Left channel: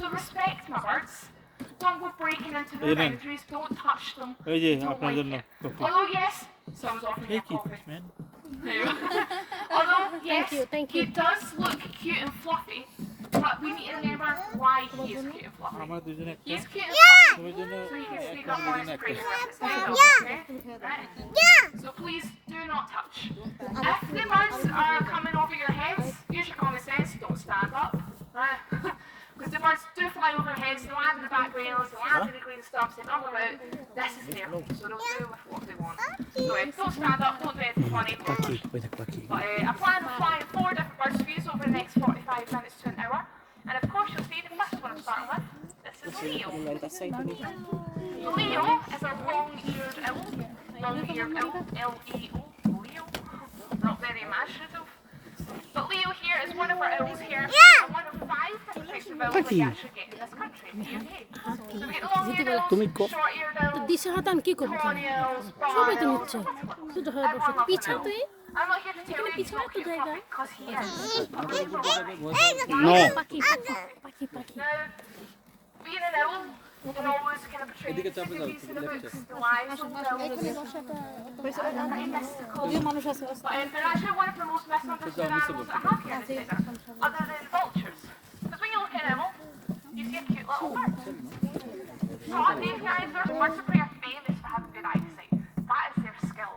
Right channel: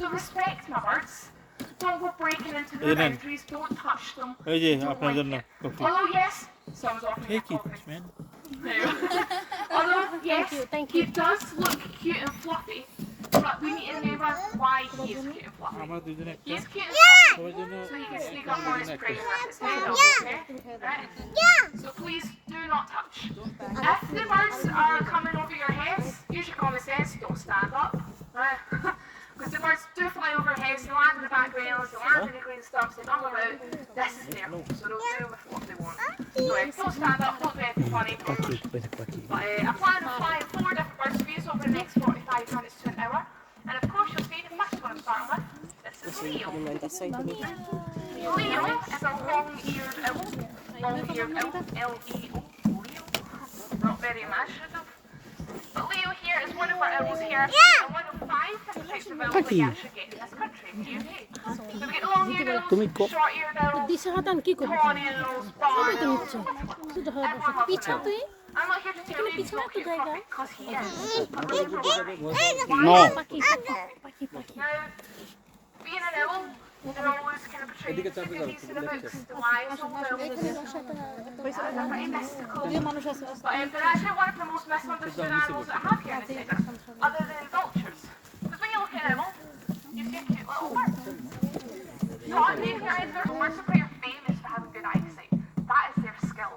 So respect my birds. Don't go breaking into their boundaries. Don't touch them. Don't like it. Although yes, someone's offering me a coffee. Although yes, he does look cute and fluffy, but we need to remember why he is cute and fluffy. He's cute and fluffy, so he can sneak up on his prey and his head off, okay? Right? So please do not touch. If the birds are coming over your heads, use your common sense. Don't stand up. Because the birds do fly over heads, they land in the back rails, they land in the green stuff, they bumble about. This is there, so they'll do with what they want. So don't stand up, don't do anything funny. But I plan on flying 4 different birds for you over the next 45 minutes to an hour. And of course you'll see the first one I'm starting with. This is Leo. Leo is a long-eared owl. Long-eared owl, L-E-O, Leo. Not very imaginative. But Leo here is one of our owls here, and one of 5 different types of owls that you actually get in this country, the UK. So we get long-eared owls, short-eared owls, tawny owls, bar owls, I'm not here to tell you he's not cute and fluffy, because he is. No. Now, being an owl, they're always kind of portrayed in the books, the wise old owls. They're pretty mystical. But they're actually one of the most misunderstood animals that I have here in the desert, other than vultures. Because when you look at an owl, you see a cute little bird. Not being birds of prey are famous for having good eyesight. That is their skill.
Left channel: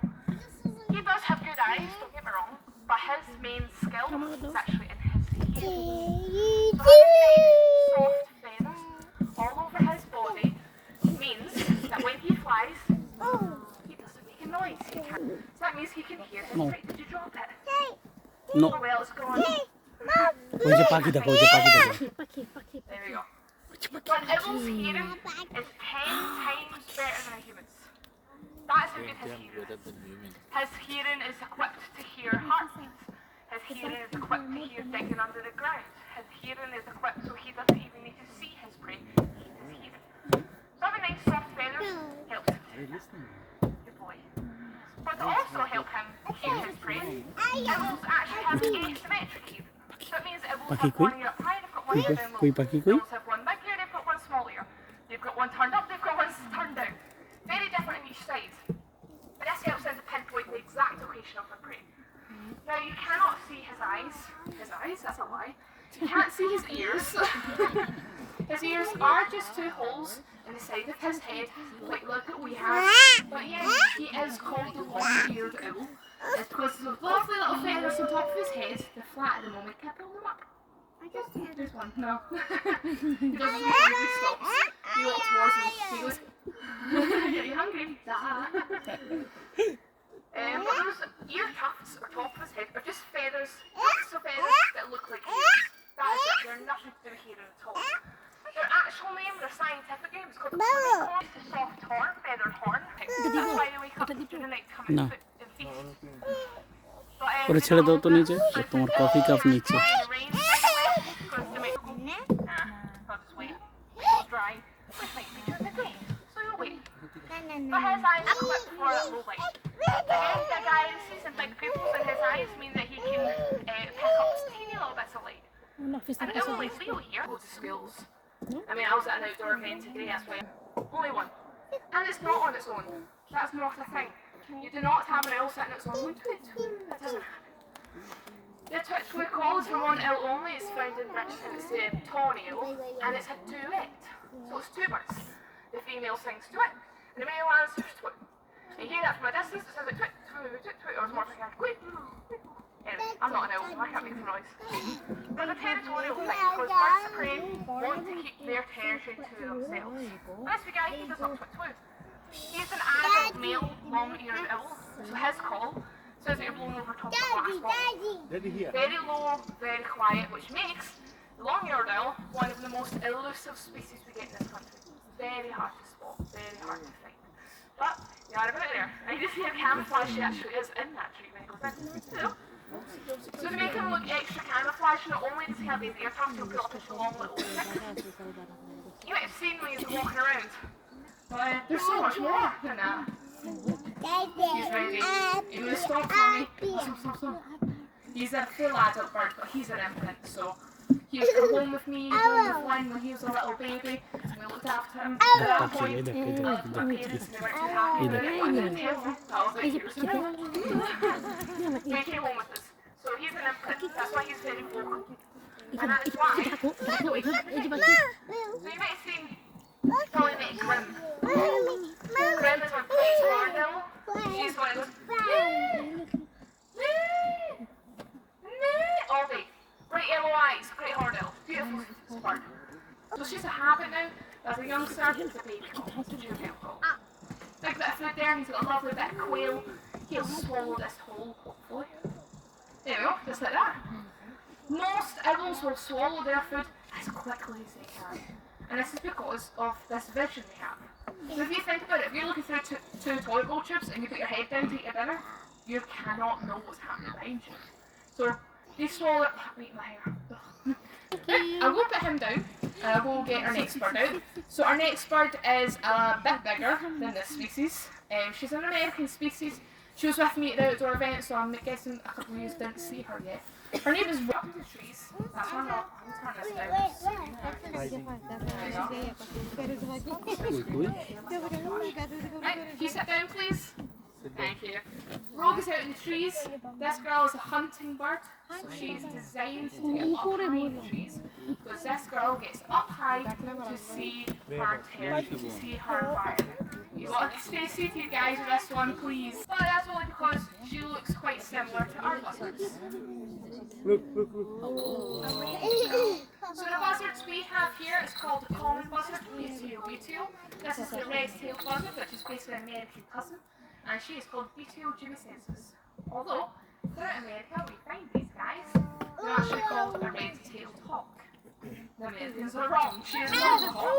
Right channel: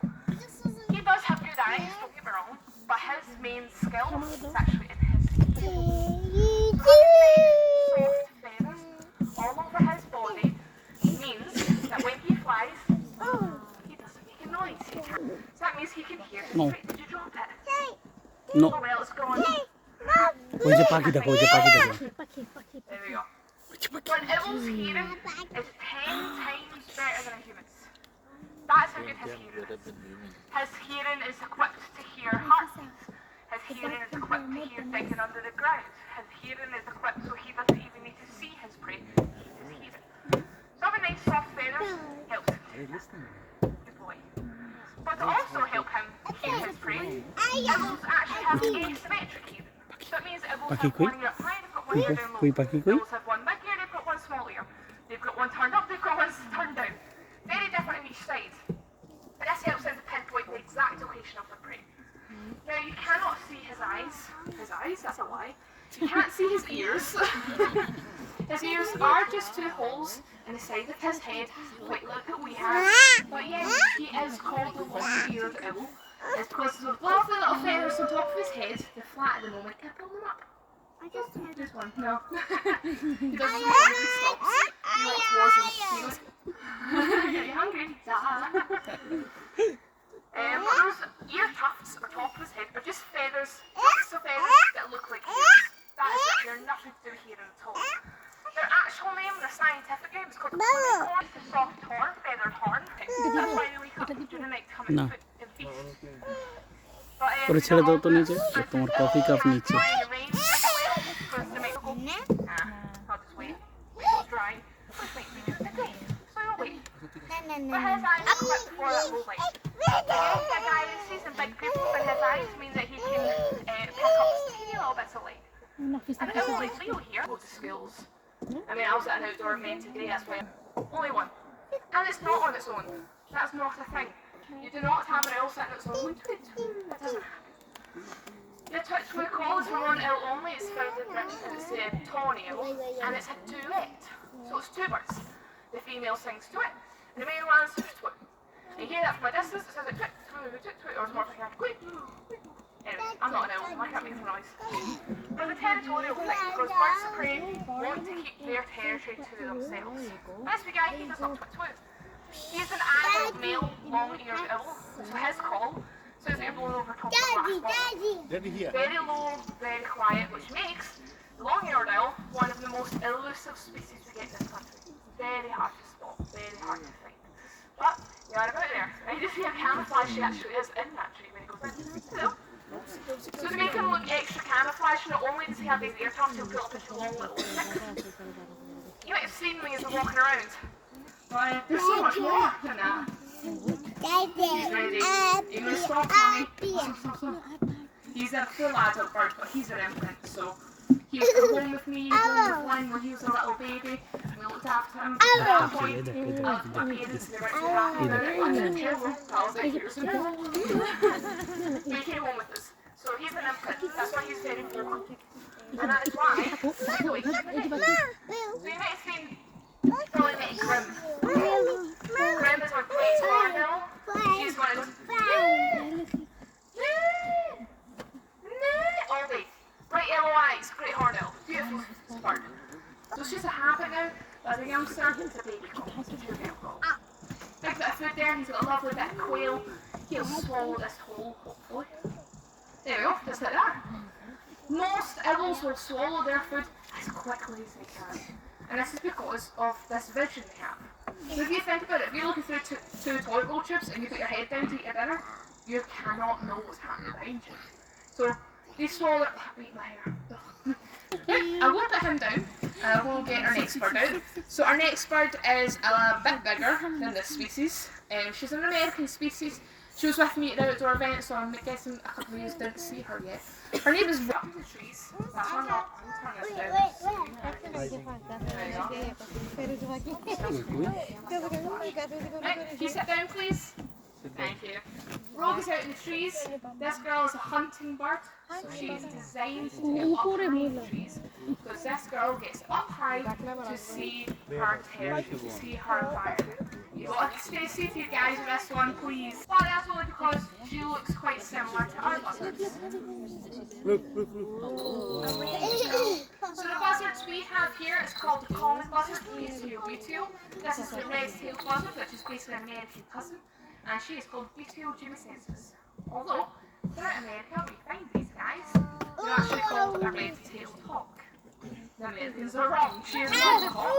He does have good eyes, don't get me wrong, but his main skill is actually in his hearing. So having nice, soft feathers all over his body means that when he flies, he doesn't make a noise. So that means he can hear his prey. Did you drop it? No. Oh well, it's gone. ওই যে পাখি দেখো, ওই যে পাখি দেখো। There we go. So an owl's hearing is 10 times better than a human's. That's how good his hearing is. His hearing is equipped to hear heartbeats. His hearing is equipped to hear digging under the ground. His hearing is equipped so he doesn't even need to see his prey. His hearing. So having nice soft feathers helps him the boy. But to also help him hear his prey, owls actually have asymmetric hearing. So it means owls have one ear up high, they've got one ear down low. Owls have one big ear, they've got one small ear. They've got one turned up, they've got one turned down. Very different in each side. But this helps them to pinpoint the exact location of the prey. Now you cannot see his eyes. His eyes? That's a lie. You can't see his ears. His ears are just 2 holes in the side of his head, like look what we have. But yes, he is called the long-eared owl. It's because of those lovely little feathers on top of his head. They're flat at the moment. Can I pull them up? There's one. No. He doesn't move, he stops. He walks towards him. He goes, yeah, you hungry? But those ear tufts on top of his head are just feathers, tufts of feathers that look like ears. That is it. They're nothing to do with hearing at all. Their actual name, their scientific name is called corn. It's a soft horn, feathered horn. That's why they wake up during the night to come and feast. ওরে ছেড়ে দাও তো নিচে, তোমার coffee cup নিচে। But his eyes are equipped for that low light. Again, big eyes, he's in big pupils, and his eyes mean that he can pick up teeny little bits of light. And it was like Leo here, goes to schools. I mean, I was at an outdoor event today, that's why only one. And it's not on its own. That's not a thing. You do not have an owl sitting on its own. That doesn't happen. The twitch call is from one owl only. It's found in Britain, and it's a tawny owl, and it's a duet. So it's 2 birds. The female sings twit, and the male answers twit. And you hear that from a distance, it sounds like twit, twit, twit, twit, or it's more like a twit, twit. Anyway, I'm not an owl, I can't make the noise. They're the territorial thing, because birds of prey want to keep their territory to themselves. This big guy, he does not twit twit. He's an adult male, long-eared owl, so his call sounds like you're blowing over top of a glass bottle. Very low, very quiet, which makes the long-eared owl one of the most elusive species we get in this country. Very hard to spot, very hard to find. But you are about it there. And you just see how camouflage she actually is in that tree when he goes in. So to make him look extra camouflage, not only does he have these ear tufts, he'll put up his long little sticks. You might have seen me as I'm walking around. But there's so much more than that. He's ready. He's going to stop for me. Stop. He's a full adult bird, but he's an infant, so He used to come home with me, home with Lynn when he was a little baby, and we looked after him. At that point, my parents were too happy about it. I didn't tell them that I was 8 years ago. So he came home with us. So he's an infant, that's why he's very vocal. And that is why, so you might have seen, probably met Grim. Grim is our place Marnell. She's one of those, all day. Bright yellow eyes, great hornbill, beautiful bird. So she's a habit now, as a youngster, it's a baby call. Big bit of food there, and he's got a lovely bit of quail. He'll swallow this whole, hopefully. There we go, just like that. Most owls will swallow their food as quickly as they can. And this is because of this vision they have. So if you think about it, if you're looking through two toilet bowl tubes and you put your head down to eat your dinner, you cannot know what's happening behind you. So they swallow it. Wait, my hair. I will put him down and we'll get our next bird out. So our next bird is a bit bigger than this species. She's an American species. She was with me at the outdoor event, so I'm guessing a couple of you didn't see her yet. Her name is Up in the trees. Turn this down. Right, can you sit down, please? Thank you. Rogue's out in the trees. This girl is a hunting bird, so she's designed to get up high in the trees. Because this girl gets up high to see her territory, to see her environment. You got to stay safe, you guys, with this one, please. But that's only because she looks quite similar to our buzzards. So the buzzards we have here is called the common buzzard, Beetle. This is the red-tailed buzzard, which is basically an American cousin. And she is called Beetle jumicensis. Although, throughout America, we find these guys. They're actually called a red-tailed hawk. The Americans are wrong. She is not a hawk.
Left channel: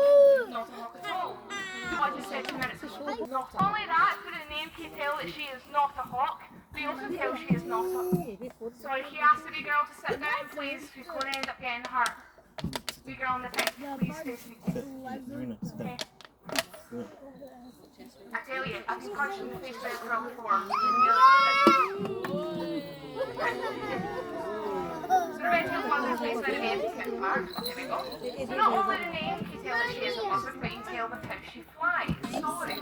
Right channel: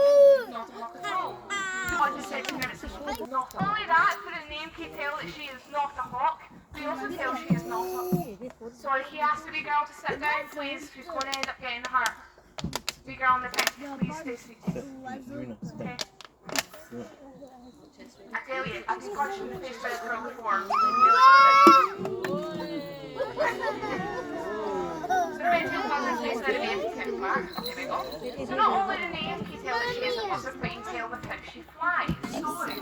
Not a hawk at all. I just said 2 minutes ago. Not only that, through the name can tell that she is not a hawk. We also tell she is not a... Sorry, he asked the wee girl to sit down, please. She's going to end up getting hurt. Wee girl on the thing, please stay seated. Okay. I tell you, I've been punched in the face by this girl before. So the red-tailed buzzard is basically an American bird. There we go. So not only the name can you tell that she is a buzzard, but you can tell with how she flies. Sorry.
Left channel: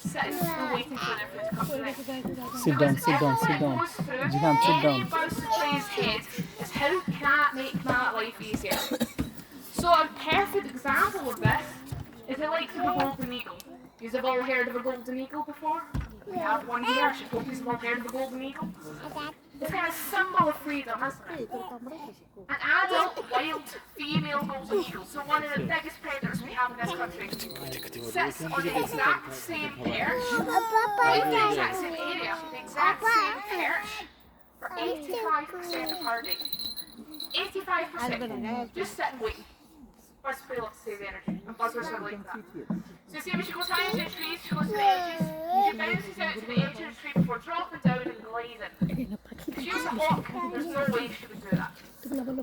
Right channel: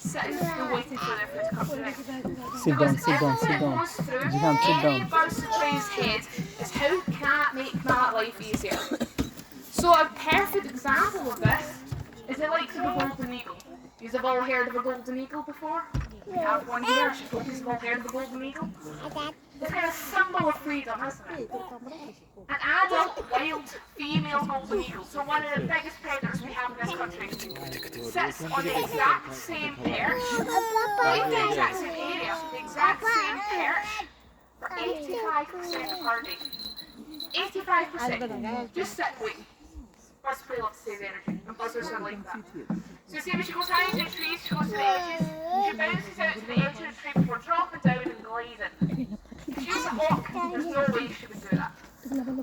Sitting and waiting for their food to come through. Sit down, sit down, sit down. Jihan, sit down. Any bird to play his head is how can I make my life easier? So a perfect example of this is the likes of a golden eagle. You've all heard of a golden eagle before? We have one here. I should hope you've all heard of a golden eagle. It's kind of a symbol of freedom, isn't it? An adult, wild, female golden eagle, so one of the biggest predators we have in this country, sits on the exact same perch, in the exact same area, the exact same perch, for 85% of her day. 85%. Just sit and wait. Birds play love to save energy, and buzzards are like that. So you see when she goes high into the trees, she goes to the edges, she bounces out to the edge of the tree before dropping down and gliding. If she was a hawk, there's no way she would do that.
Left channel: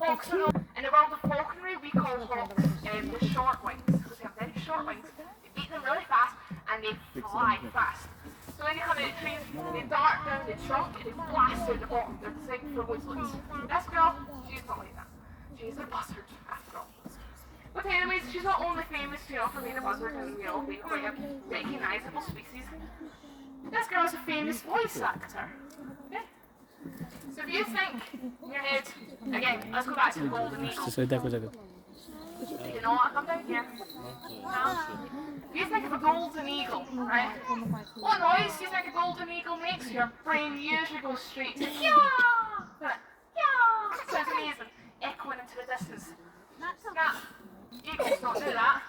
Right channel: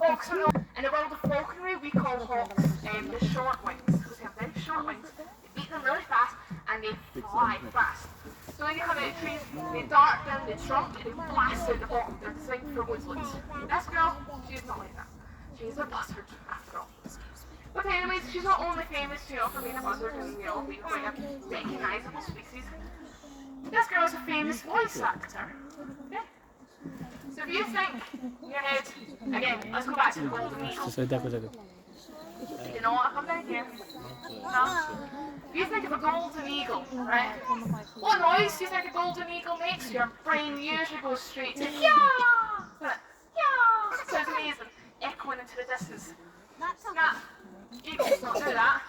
Hawks are not, in the world of falconry, we call hawks the short wings, because they have very short wings. They beat them really fast, and they fly fast. So when they come out of the trees, they dart down the trunk, and they blast out the bottom. They're designed for woodlands. This girl, she's not like that. She's a buzzard, after all. But anyways, she's not only famous, for being a buzzard and being quite a recognisable species. This girl is a famous voice actor. Okay? So if you think in your head, again, let's go back to the golden eagle. You know what? Come down here. No. If you think of a golden eagle, right? What noise do you think a golden eagle makes? Your brain usually goes straight to yeah! Yeah! Sounds amazing. Echoing into the distance. Snap. Eagles don't do that.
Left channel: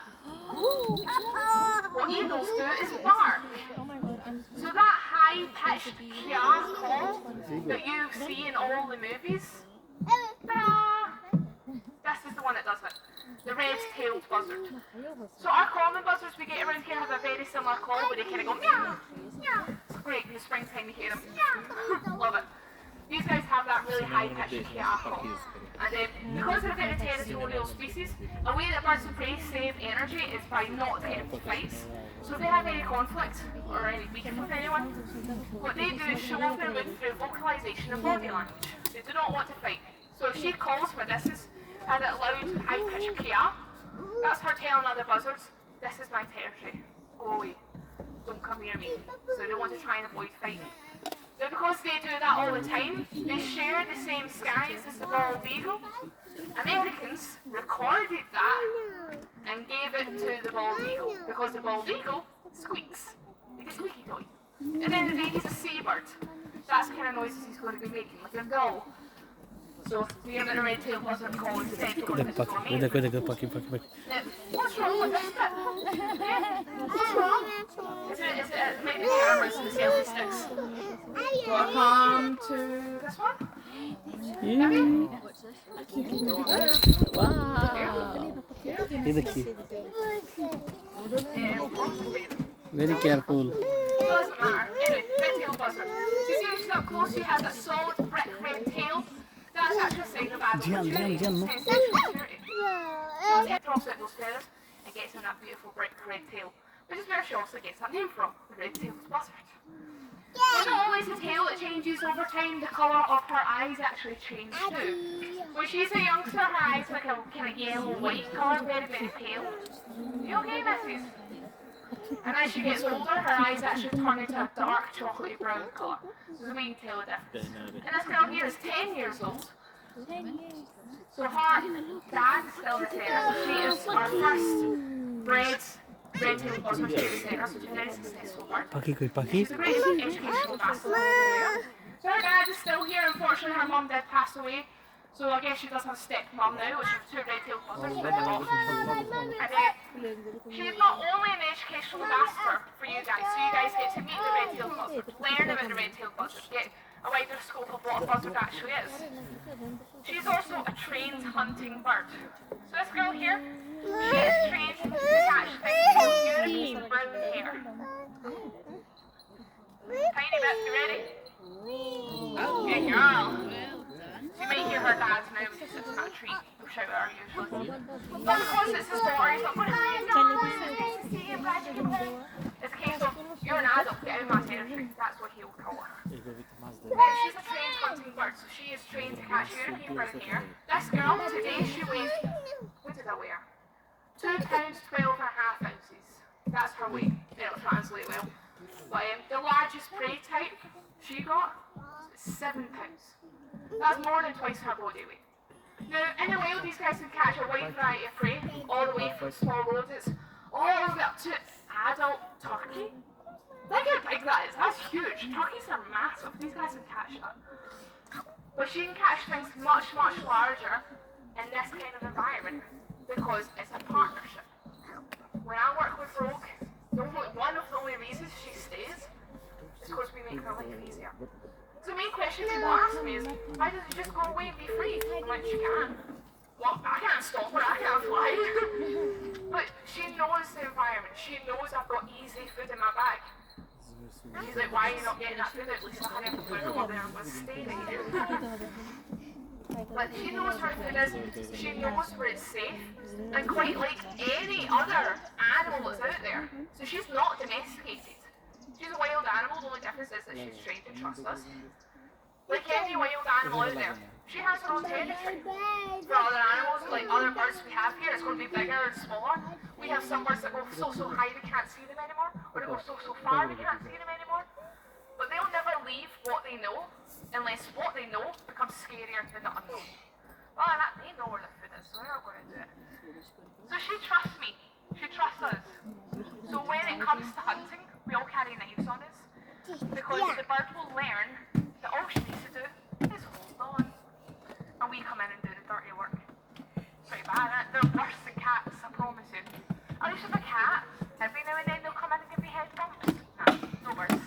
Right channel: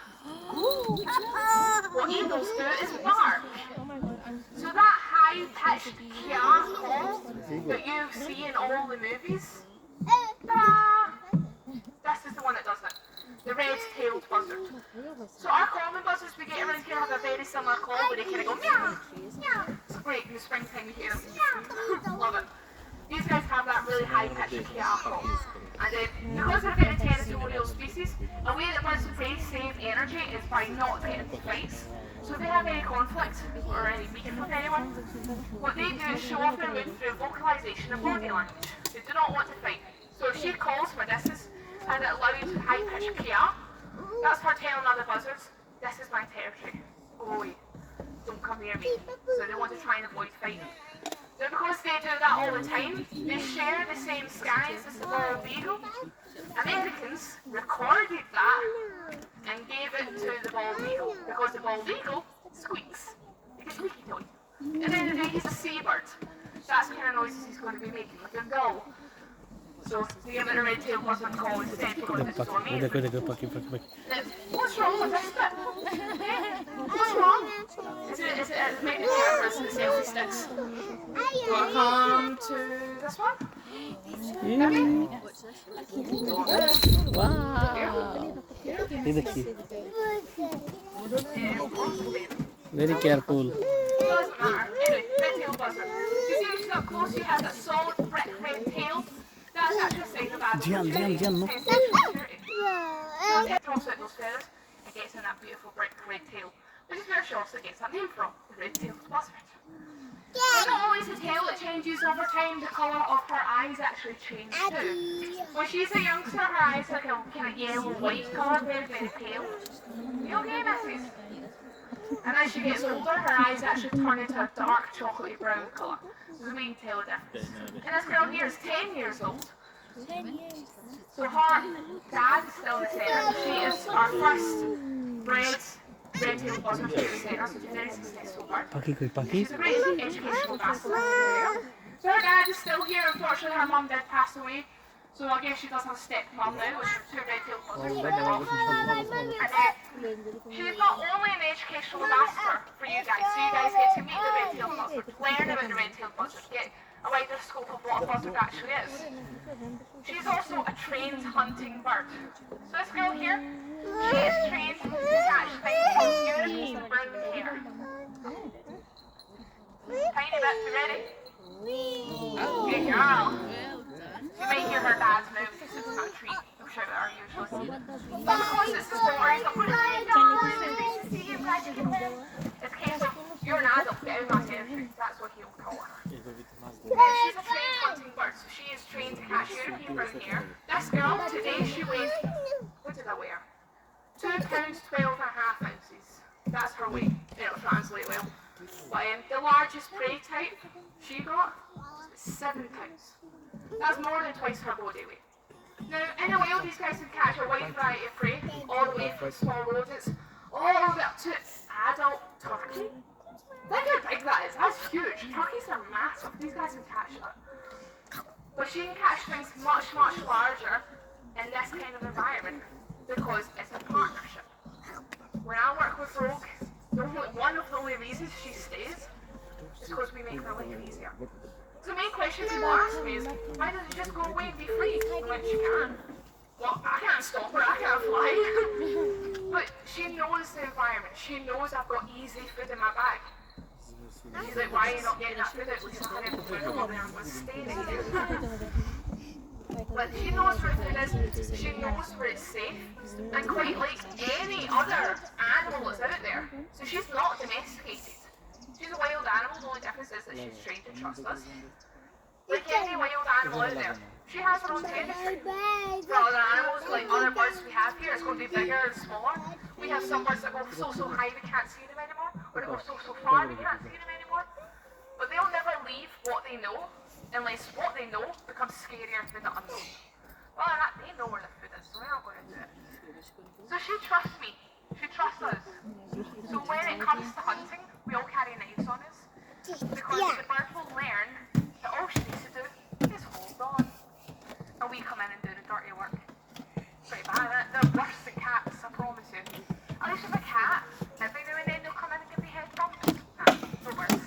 What eagles do is bark. So that high-pitched yeah call that you see in all the movies, this is the one that does it. The red-tailed buzzard. So our common buzzards we get around here have a very similar call where they kind of go meow, meow. It's great in the springtime you hear them. Meow. Love it. These guys have that really high-pitched yeah call. And because they're a very territorial species, a way that birds of prey save energy is by not getting into fights. So if they have any conflict or any beefing with anyone, what they do is show off their mood through vocalization of body language. They do not want to fight. So she calls for this is and it loud high-pitched kia. That's her telling other buzzards, this is my territory. Go away. Don't come near me. So they want to try and avoid fighting. Now because they do that all the time, they share the same skies as the bald eagle. Americans recorded that and gave it to the bald eagle because the bald eagle squeaks. Like a squeaky toy. At the end of the day, he's a seabird. That's the kind of noises he's going to be making with a gull. So the give it a red-tailed buzzard call instead for this is amazing. What's wrong with this bit? What's wrong? Is it maybe the cameras and the selfie sticks? Welcome to this one. Maybe? Wow. Very careful. Doesn't matter. Anyway, red-tailed buzzard. You see when she's up close, she has a solid brick red tail. That's actually a sign of bad security. No. So it drops out those feathers and gets in that beautiful brick red tail, which is where she also gets that name from, the red-tailed buzzard. It's not always the tail that changes over time, the colour of her eyes actually change too. When she's a youngster, her eyes are like a kind of yellow-white colour, very, very pale. Are you okay, missus? And as she gets older, her eyes actually turn into a dark chocolatey brown colour. So there's a wee tail difference. And this girl here is 10 years old. So her dad is still the centre. She is our first bred red-tailed buzzard to the centre, so she's a very successful bird. She's a great educational ambassador. So her dad is still here. Unfortunately, her mum did pass away. So I guess she does have a step-mum now, which is two red-tailed buzzards. And she's not only an educational ambassador for you guys, so you guys get to meet the red-tailed buzzard, learn about the red-tailed buzzard, get a wider scope of what a buzzard actually is. She's also a trained hunting bird. So this girl here, she is trained to catch things called European brown hare. Tiny bit, you ready? Good girl. You might hear her dad's now because it's not a treat. He'll shout at her usually. But because it's the story, he's not going, hi guys, nice to see you, glad you came home. It's a case of, you're an adult, get out of my territory. That's what he'll call her. She's a trained hunting bird, so she is trained to catch European brown hare. This girl, today she weighs, what did I weigh her? 2 pounds 12 and a half ounces. That's her weight. It'll translate well. But the largest prey type she got was 7 pounds. That's more than twice her body weight. Now, in the wild, these guys can catch a wide variety of prey, all the way from small rodents, all the way up to adult turkey. Look how big that is. That's huge. Turkeys are massive. These guys can catch that. But she can catch things much, much larger in this kind of environment because it's a partnership. When I work with Rogue, one of the only reasons she stays is because we make her life easier. So the main question people ask me is, why doesn't she just go away and be free? I'm like, she can. Well, I can't stop her, I can't fly. But she knows the environment. She knows I've got easy food in my bag. And she's like, why are you not getting that food? At least I had food over there and was staying here. But she knows where food is, she knows where it's safe, and quite like any other animal that's out there. So she's not domesticated. She's a wild animal, the only difference is that she's trained to trust us. Like any wild animal out there, she has her own territory. For other animals, like other birds we have here, it's going to be bigger and smaller. We have some birds that go so high we can't see them anymore, or they go so far we can't see them anymore. But they'll never leave what they know, unless what they know becomes scarier than the unknown. Well, they know where the food is, so they're not going to do it. So she trusts me. She trusts us. So when it comes to hunting, we all carry knives on us. Because the bird will learn that all she needs to do is hold on. And we come in and do the dirty work. Pretty bad, isn't it? They're worse than cats, I promise you. At least with a cat, every now and then they'll come in and give me head bumps. Nah, no birds.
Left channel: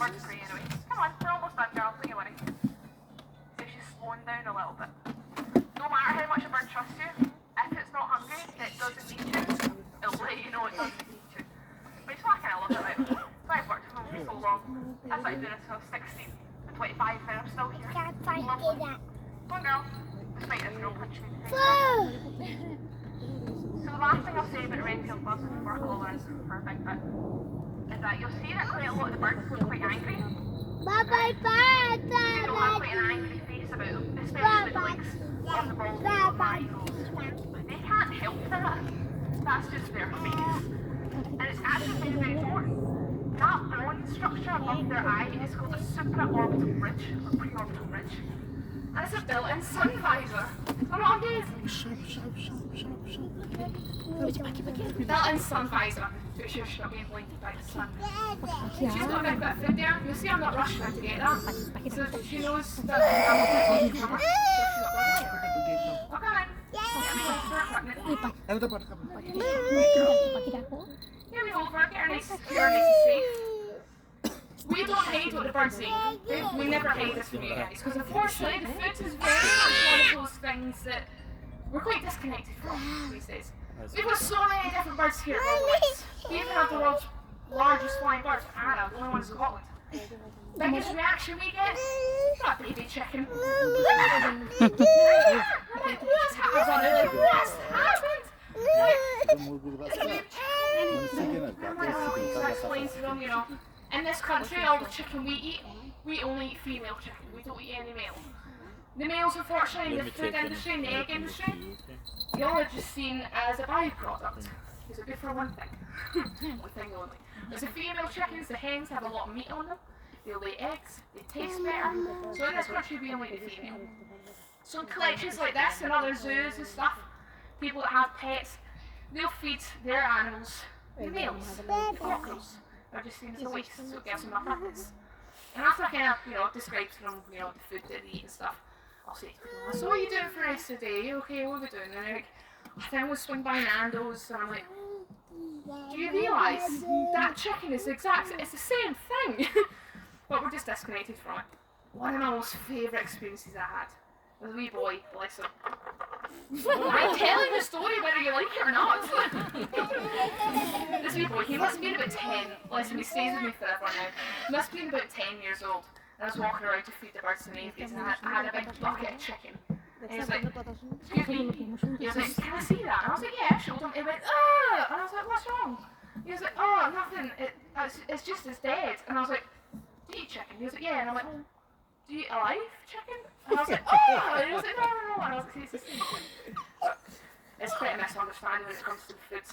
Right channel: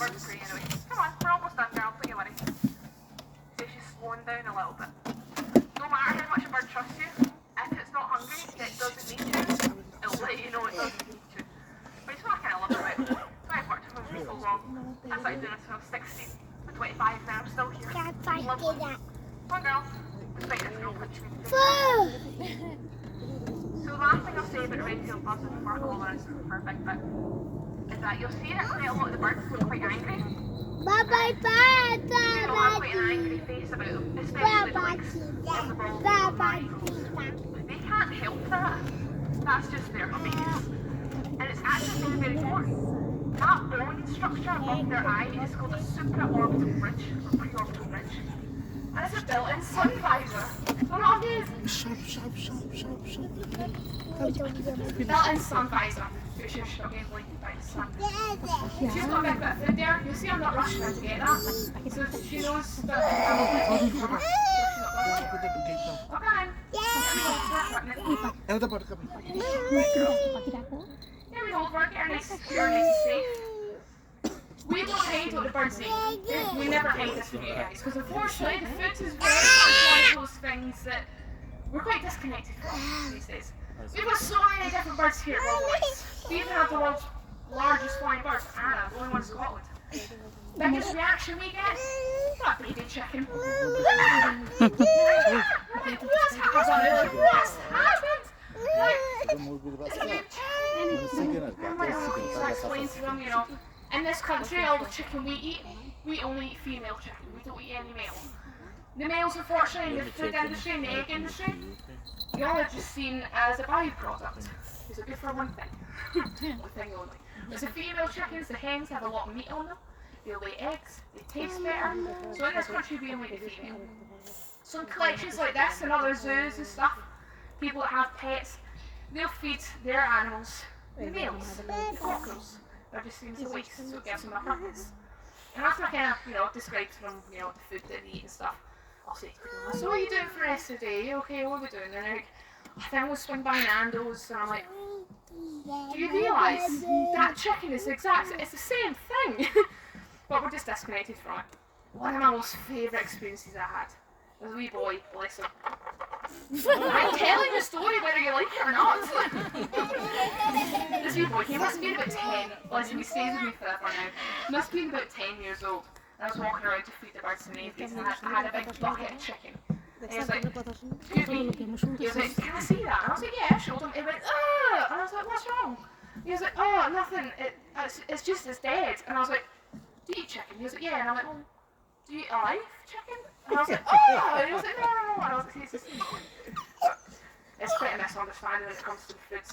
Birds are free anyway. Come on, we're almost done, girl. Don't you worry. See, she's slowing down a little bit. No matter how much a bird trusts you, if it's not hungry, it doesn't need you. It'll let you know it doesn't need you. But it's what I kind of love about it. I've worked with them for so long. I started doing this when I was 16. I'm 25 now, I'm still here. Lovely. Come on, girl. Despite this girl punching me in the face. So the last thing I'll say about a red-tailed buzzard before I call this for a big bit is that you'll see that quite a lot of the birds look quite angry. You know, have quite an angry face about them, especially the likes of the bald eagle marigolds. They can't help that. That's just their face. And it's actually very, very important. That bone structure above their eye is called a supraorbital ridge or preorbital ridge. And it's a built-in sun visor. Isn't that amazing? Built-in sun visor. So it's just not being blinded by the sun. She's got a big bit of food there. You'll see I'm not rushing her to get that. So she knows that I'm not going to her. So she's not going to get it. Okay, then. Get me over, get her nice, secure, nice and safe. We don't hide what the birds eat. We never hide this from you guys. Because unfortunately, the food is very much one of those things that we're quite disconnected from these days. We've got so many different birds here at Worldwide. We even have the world's largest flying bird, Anna, the only one in Scotland. Biggest reaction we get? That baby chicken. What's happened? What's happened? It's a baby chicken. So I explained to them, you know, in this country, all the chicken we eat, we only eat female chicken. We don't eat any male. The males, unfortunately, in the food industry and the egg industry, y'all are just seen as a byproduct. It's a good for one thing. One thing only. There's the female chickens, the hens have a lot of meat on them. They lay eggs, they taste better. So in this country, we only eat female. So in collections like this and other zoos and stuff, people that have pets, they'll feed their animals the males, the cockerels. They're just seen as a waste, so it gives them a purpose. And after I kind of, you know, describe to them, you know, the food that they eat and stuff, I'll say to them, so what are you doing for the rest of the day? Okay, what are we doing? And they're like, I think I'm going to swing by Nando's. And I'm like, do you realise that chicken is it's the same thing? But we're just disconnected from it. One of my most favourite experiences I had was a wee boy, bless him. I'm telling the story whether you like it or not. This wee boy, he must have been about 10. Listen, he stays with me forever now. He must have been about 10 years old. And I was walking around to feed the birds and avies, and I had a big bucket of chicken. And he was like, excuse me. He was like, can I see that? And I was like, yeah, I showed him. He went, ah! And I was like, what's wrong? He was like, oh, nothing. It's just it's dead. And I was like, do you eat chicken? He was like, yeah. And I'm like, well, do you eat alive chicken? And I was like, oh! And he was like, no. And I was like, it's quite a misunderstanding when it comes to the food.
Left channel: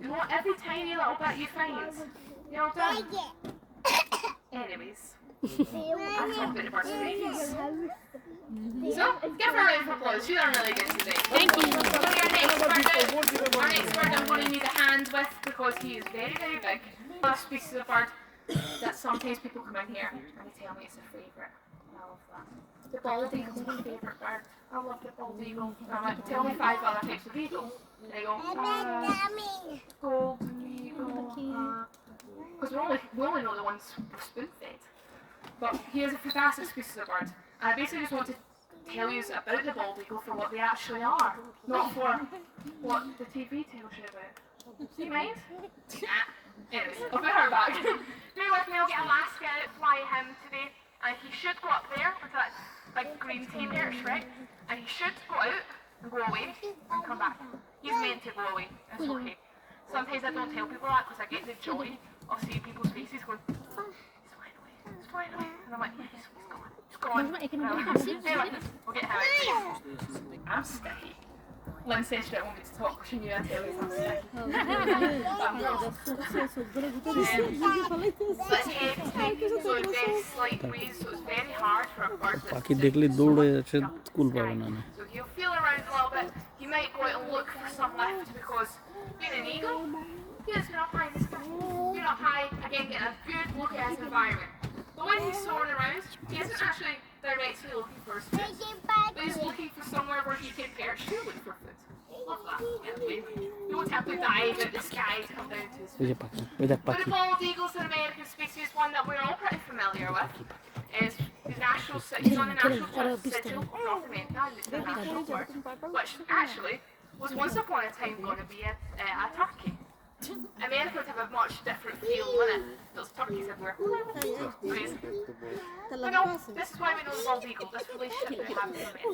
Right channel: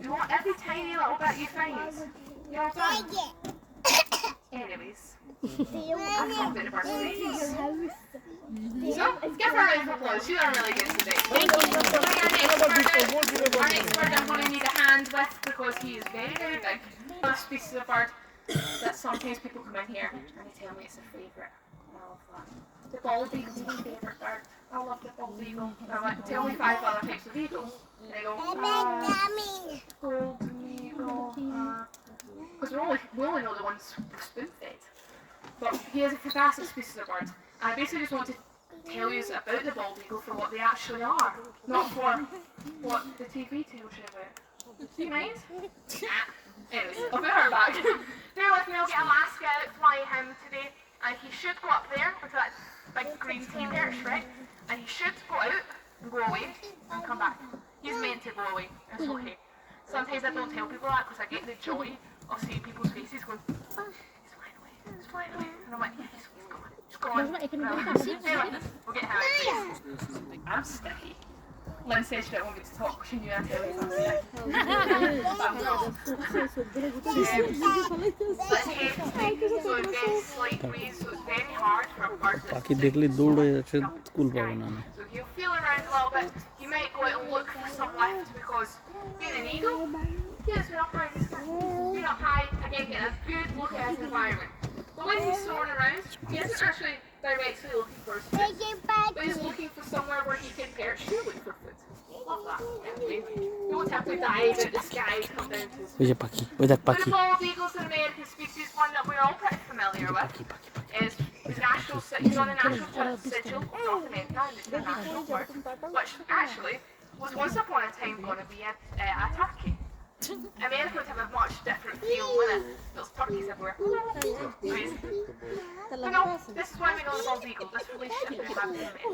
You want every tiny little bit you find. You know what I'm saying? Anyways, I'm talking about the birds and babies. So, give her a round of applause. She's done really good today. Thank you. Our next bird I'm going to need a hand with because he is very, very big. Another species of bird that sometimes people come in here and they tell me it's their favourite. I love that. The bald eagle is my favourite bird. I love the bald eagle. I'm like, tell me 5 other types of eagles. And they go, golden eagle. Because we only know the ones spoon-fed. But he is a fantastic species of bird. And I basically just want to tell you about the bald eagle for what they actually are, not for what the TV tells you about. Do you mind? Anyways, I'll put her back. Bear with me, I'll get Alaska out, fly him today. And he should go up there into that big green team there, Shrek. And he should go out and go away and come back. He's meant to go away. It's okay. Sometimes I don't tell people that because I get the joy of seeing people's faces going, he's flying away, he's flying away. And I'm like, yes, he's gone. Anyway, we'll get him out. I'm sticky. Lynn said she didn't want me to talk because she knew I'd tell you I'm sticky. Let's head today. So it's very slight breeze, so it's very hard for a bird that's পাখি দেখলে দৌড়ে আছে কুল পাবে না না So he'll feel around a little bit. He might go out and look for some lift because being an eagle, he has been up around the sky. Being up high, again, getting a good look at his environment. But when he's soaring around, he isn't actually directly looking for his food. But he's looking for somewhere where he can perch to look for food. Love that. Yeah, you won't have to dive out the sky to come down to his food. ওই যে পাখি ওই দেখ The পাখি bald eagle is an American species, one that we're all pretty familiar with. Is his national he's on the national sigil of North America, and it's a national bird, which actually was once upon a time going to be a turkey. Americans have a much different feel with it. Those turkeys everywhere. Crazy. But no, this is why we know the bald eagle, this relationship we have with America.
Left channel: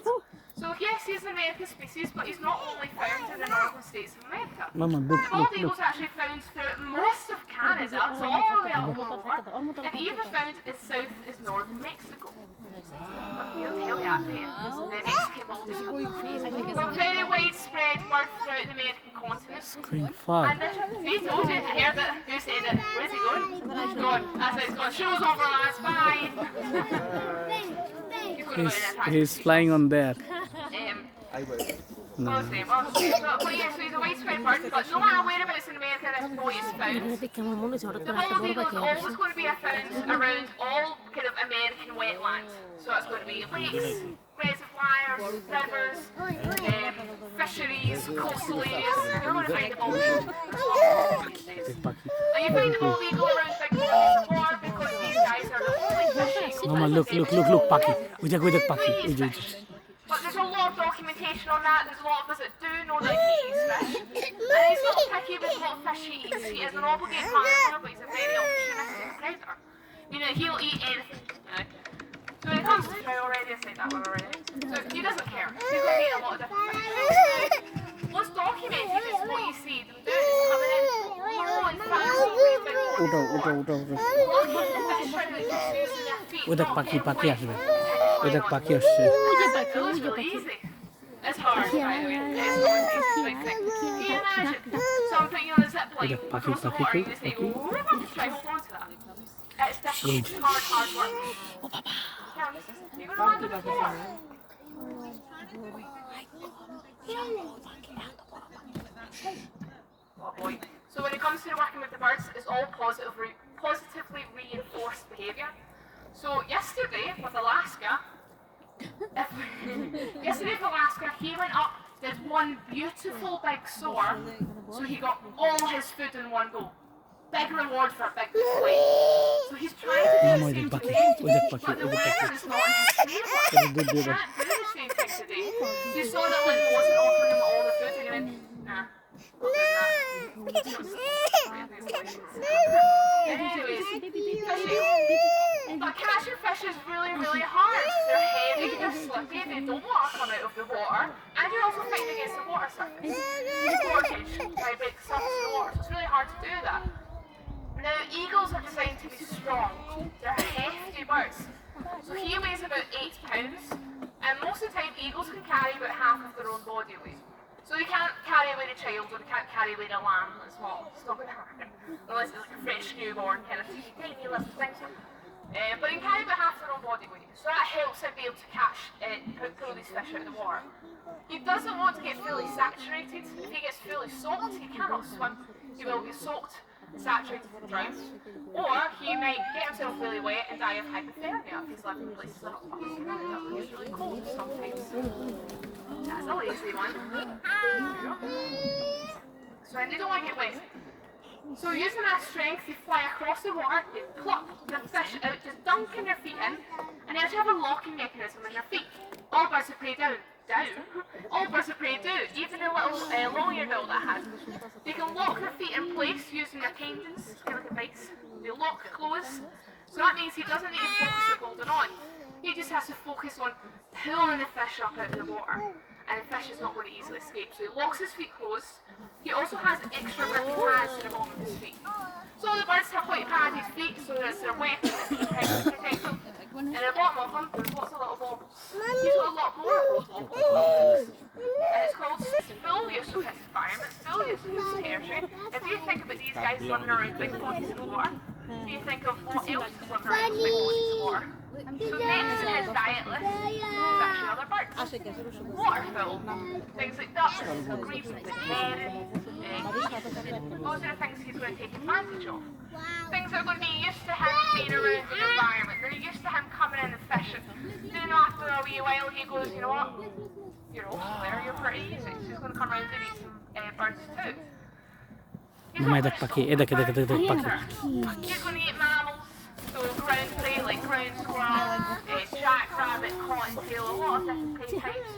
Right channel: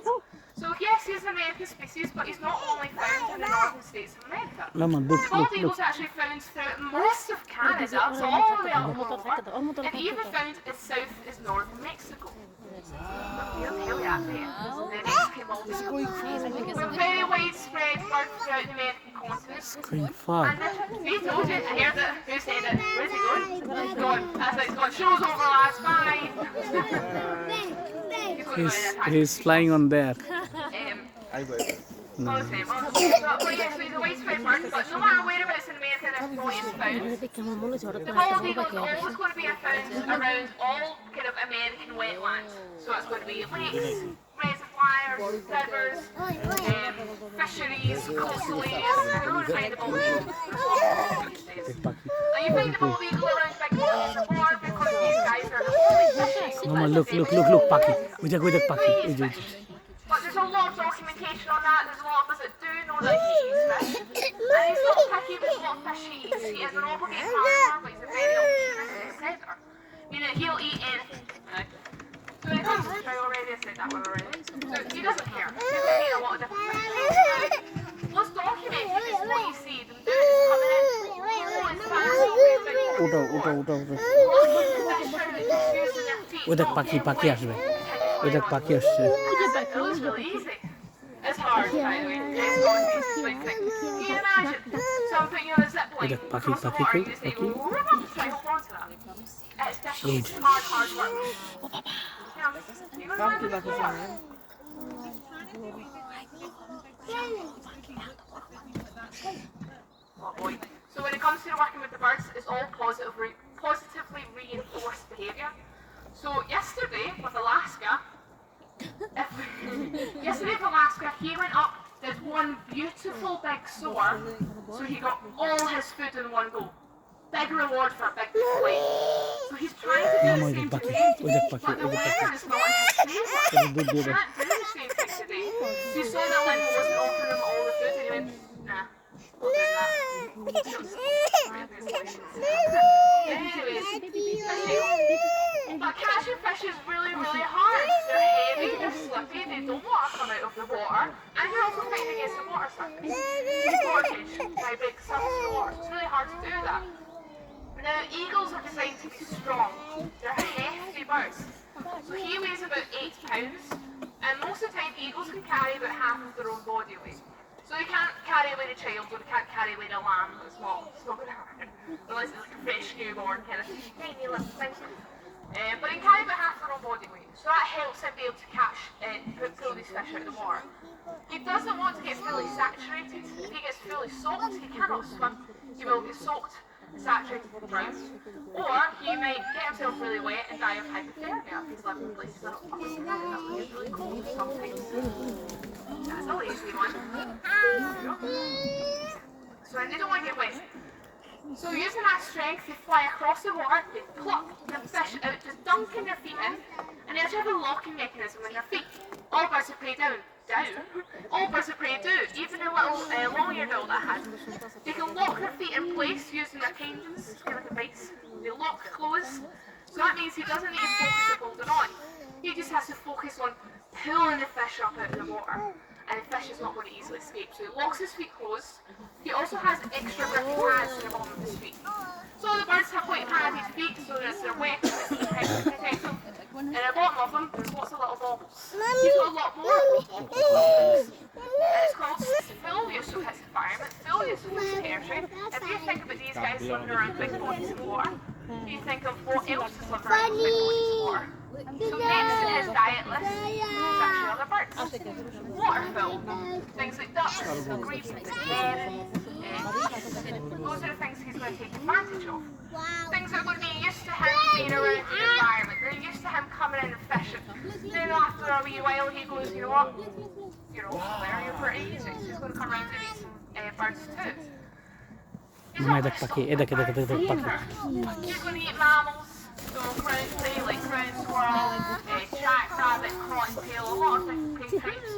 So yes, he's an American species, but he's not only found in the northern states of America. Mama, look, The bald look, eagle look. is actually found throughout most of Canada, so all the way up over, and even found as south as northern Mexico. But here we are, the Mexican bald eagle. We're very widespread bird throughout the American continent. Going far. And see, told you, I heard it. Who said it? Where's he going? He's gone. That's like, he's gone. Show's over, lads. Bye. He's flying on there. Honestly, well, yes, he's a widespread bird, but no matter whereabouts in America this boy is found, the bald eagle is always going to be found around all kind of American wetlands. So it's going to be lakes, reservoirs, rivers, fisheries, coastal areas. You're going to find the bald eagle. And you find the bald eagle around big bodies of water because these guys are the only fishing. Mama, look, Paki. With Paki. But there's a lot of documentation on that. There's a lot of us that do know that he eats fish. And he's not picky with what fish he eats. He is an obligate carnivore, but he's a very opportunistic predator. You know, he'll eat anything. So when it comes to trout already, I said that one already. So he doesn't care. He's going to eat a lot of different fish. What's documented is what you see them do is coming in low and fast over his big looking the fish out and just using their feet. With Paki আসবে ওটা পাখি আসছে It was really easy. It's hard, by the way. It's not an easy thing. Can you imagine someone putting you on a zip line across the water and you just say, try hold on to that. It's hard work. Now, you're going to land on the floor. Oh boy. So when it comes to working with the birds, it's all positively reinforced behaviour. So yesterday with Alaska, he went up, did one beautiful big soar, so he got all his food in one go. Big reward for a big play. So he's trying to do the same today, but the weather is not in his favour. He can't do the same thing today. So he saw that Lynn wasn't offering him all the food and he went, nah, not doing that. Anyways, fishing. But catching fish is really, really hard. They're heavy, they're slippy, they don't want to come out of the water, and you're also fighting against the water surface. Water tension vibrates the surface of the water, so it's really hard to do that. Now, eagles are designed to be strong. They're hefty birds. So he weighs about 8 pounds, and most of the time eagles can carry about half of their own body weight. So they can't carry away a child, or they can't carry away a lamb that's small. It's not going to happen. Unless it's like a fresh newborn kind of tiny little thing. But he can carry about half their own body weight. So that helps him be able to catch, pull these fish out of the water. He doesn't want to get fully saturated. If he gets fully soaked, he cannot swim. He will get soaked, saturated and drowned. Or he might get himself really wet and die of hypothermia if he's living in places up in Canada where it's really cold sometimes. That's a lazy one. So and they don't want to get wet. So using that strength, they fly across the water, they pluck the fish out, just dunking their feet in, and they actually have a locking mechanism in their feet. All birds of prey do. All birds of prey do. Even the little long-eared owl that has. They can lock their feet in place using their tendons, it's kind of like a vice. They lock close, so that means he doesn't need to focus on holding on. He just has to focus on pulling the fish up out of the water. And the fish is not going to easily escape. So he locks his feet closed. He also has extra grippy pads in the bottom of his feet. So the birds have quite padded feet, so it's their weapon to protect them. And at the bottom of them, there's lots of little bobbles. He's got a lot more of those bobbles. And it's called full use of his environment, full use of his territory. If you think about these guys swimming around big bodies of water, you think of what else is swimming around big bodies of water. So next in his diet list is actually other birds. Waterfowl, things like ducks, grebes, herons, those are the things he's going to take advantage of. Things that are going to be used to him being around the environment. They're used to him coming in and fishing. Then after a wee while he goes, you know what, you're also there, you're pretty easy. So he's going to come around and eat some birds too. He's not going to eat mammals. So ground prey like ground squirrel, jackrabbit, cottontail, a lot of different prey types.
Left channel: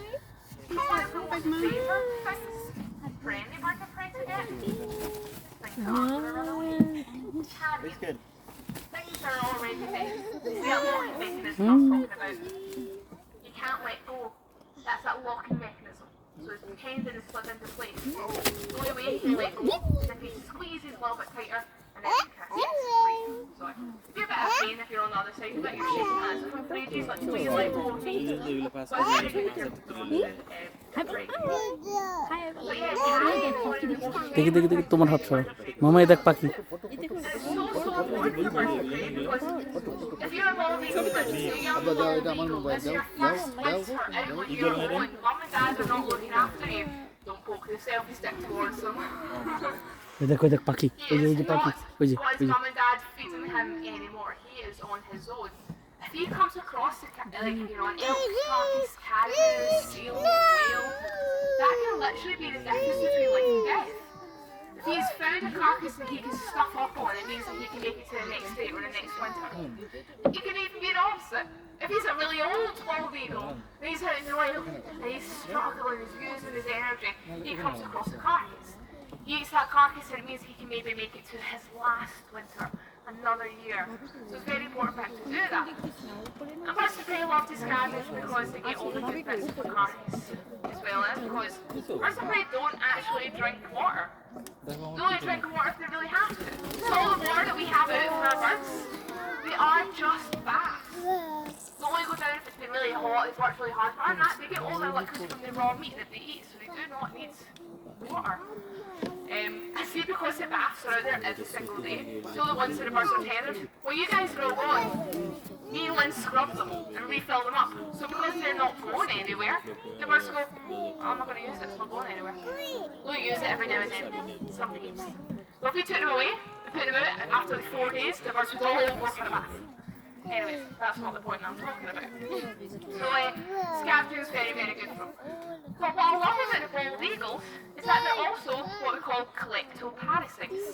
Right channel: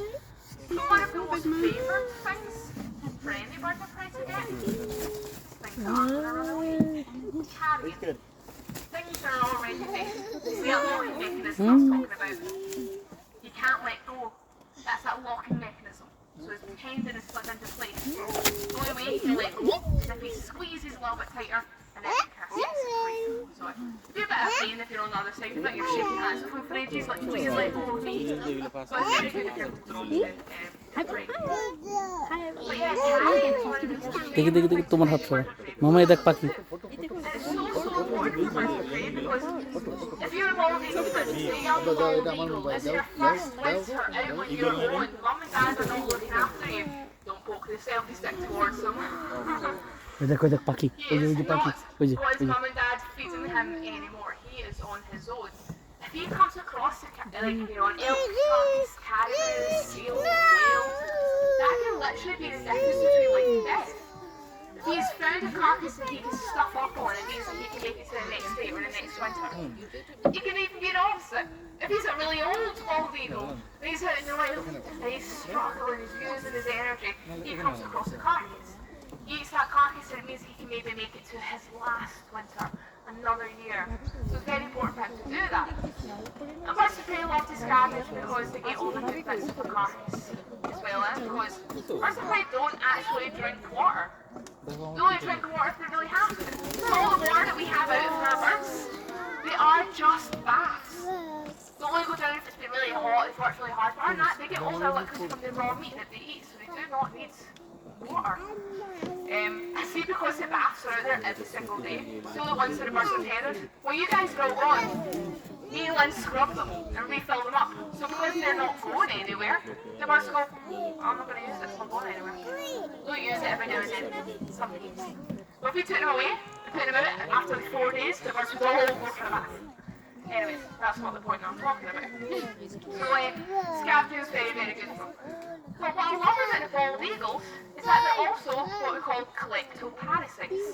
Some of the most favoured things friendly birds are prey to get. Things that aren't going to run away. Carrion. Things that are already dead. See that locking mechanism I was talking about? You can't let go. That that's that locking mechanism. So his tendon is slid into place. The only way he can let go is if he squeezes a little bit tighter and then he kisses free. So it'd be a bit of pain if you're on the other side of it, you're shaking hands with him for ages, like please let go of me. But it's very good if you're thrown to break. But yeah, carrying is one of the most দেখি দেখি দেখি তোমার হাত সরা মামা এই দেখ পাখি it's so important for birds to prey because if you're a bald eagle, say young bald eagle, it's your first winter out on your own. Mum and dad are not looking after you. Don't poke the selfie stick towards them. এই দেখ পাখি ওই যে পাখি ওই যে Got his mum and dad feeding him anymore. He is on his own. If he comes across like an elk, skunks, caribou, seal, whale, that can literally be the difference between life and death. If he's found a carcass that he can stuff up on, it means that he can make it to the next day or the next winter. It can even be the opposite. If he's a really old bald eagle, and he's out in the wild, and he's struggling, he's using his energy, he comes across a carcass. He eats that carcass and it means he can maybe make it to his last winter, another year. So it's very important for him to do that. And birds of prey love to scavenge because they get all the good bits of the carcass as well, because birds of prey don't actually drink water. They only drink water if they really have to. So all the water that we have out for our birds, they are just baths. They only go down if it's been really hot, it's worked really hard, but other than that, they get all their liquids from the raw meat that they eat, so they do not need water. I see because the baths are out there every single day. So the ones that the birds are tethered. When you guys go on, me and Lynn scrub them and refill them up. So because they're not going anywhere, the birds go, I'm not going to use it, it's not going anywhere. We'll use it every now and then, some days. But if we took them away and put them out after the 4 days, the birds would all go for a bath. Anyway, that's not the point I'm talking about. So scavenging is very, very good for them. But what I love about the bald eagles is that they're also what we call collectoparasites,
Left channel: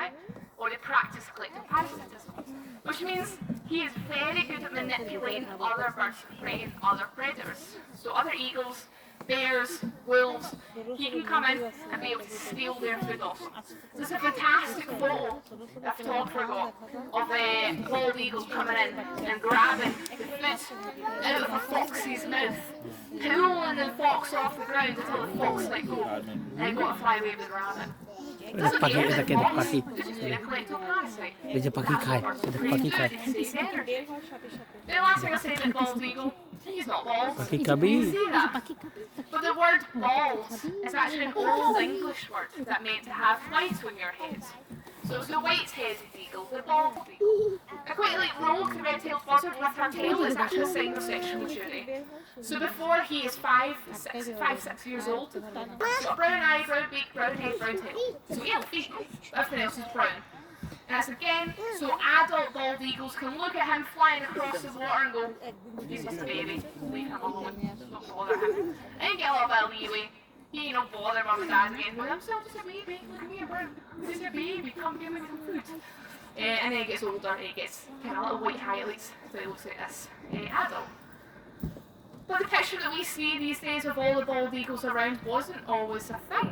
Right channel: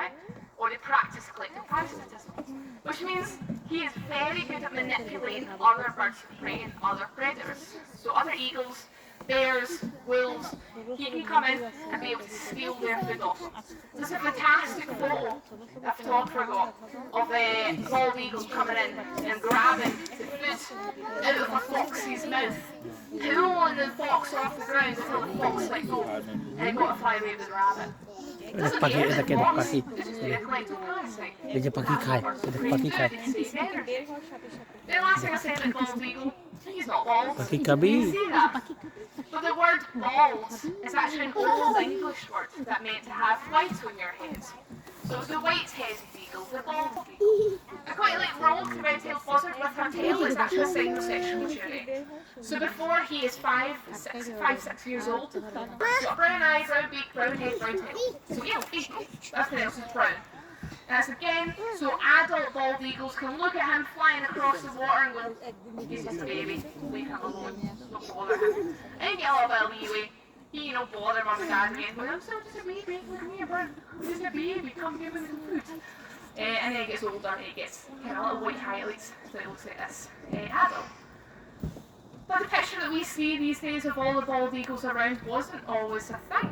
right? Or they practice collectoparasitism, which means he is very good at manipulating other birds of prey and other predators. So other eagles, bears, wolves, he can come in and be able to steal their food off them. There's a fantastic photo that a photographer got of bald eagles coming in and grabbing the food out of a fox's mouth, pulling the fox off the ground until the fox let go and it got to fly away with the rabbit. পাখি এটা কে দেখ পাখি এই যে পাখি খায় দেখ পাখি খায় The last thing I said about bald eagle, he's not bald. পাখি খাবি But the word bald is actually an old English word that meant to have white on your head. So it's the white-headed eagle, the bald eagle. I quite like Rogue, the red-tailed buzzard, with her tail is actually a sign of sexual maturity. So before he is 5, 6 years old, he's got brown eye, brown beak, brown head, brown tail. So he'll feet, everything else is brown. And that's again, so adult bald eagles can look at him flying across the water and go, he's just a baby, leave him alone, don't bother him. And you get a little bit of leeway. You don't bother mum and dad and anything. I'm still just a baby, look at me, bro. I'm just a baby, come give me some food. And then he gets older and he gets kind of little white highlights, so he looks like this adult. But the picture that we see these days of all the bald eagles around wasn't always a thing.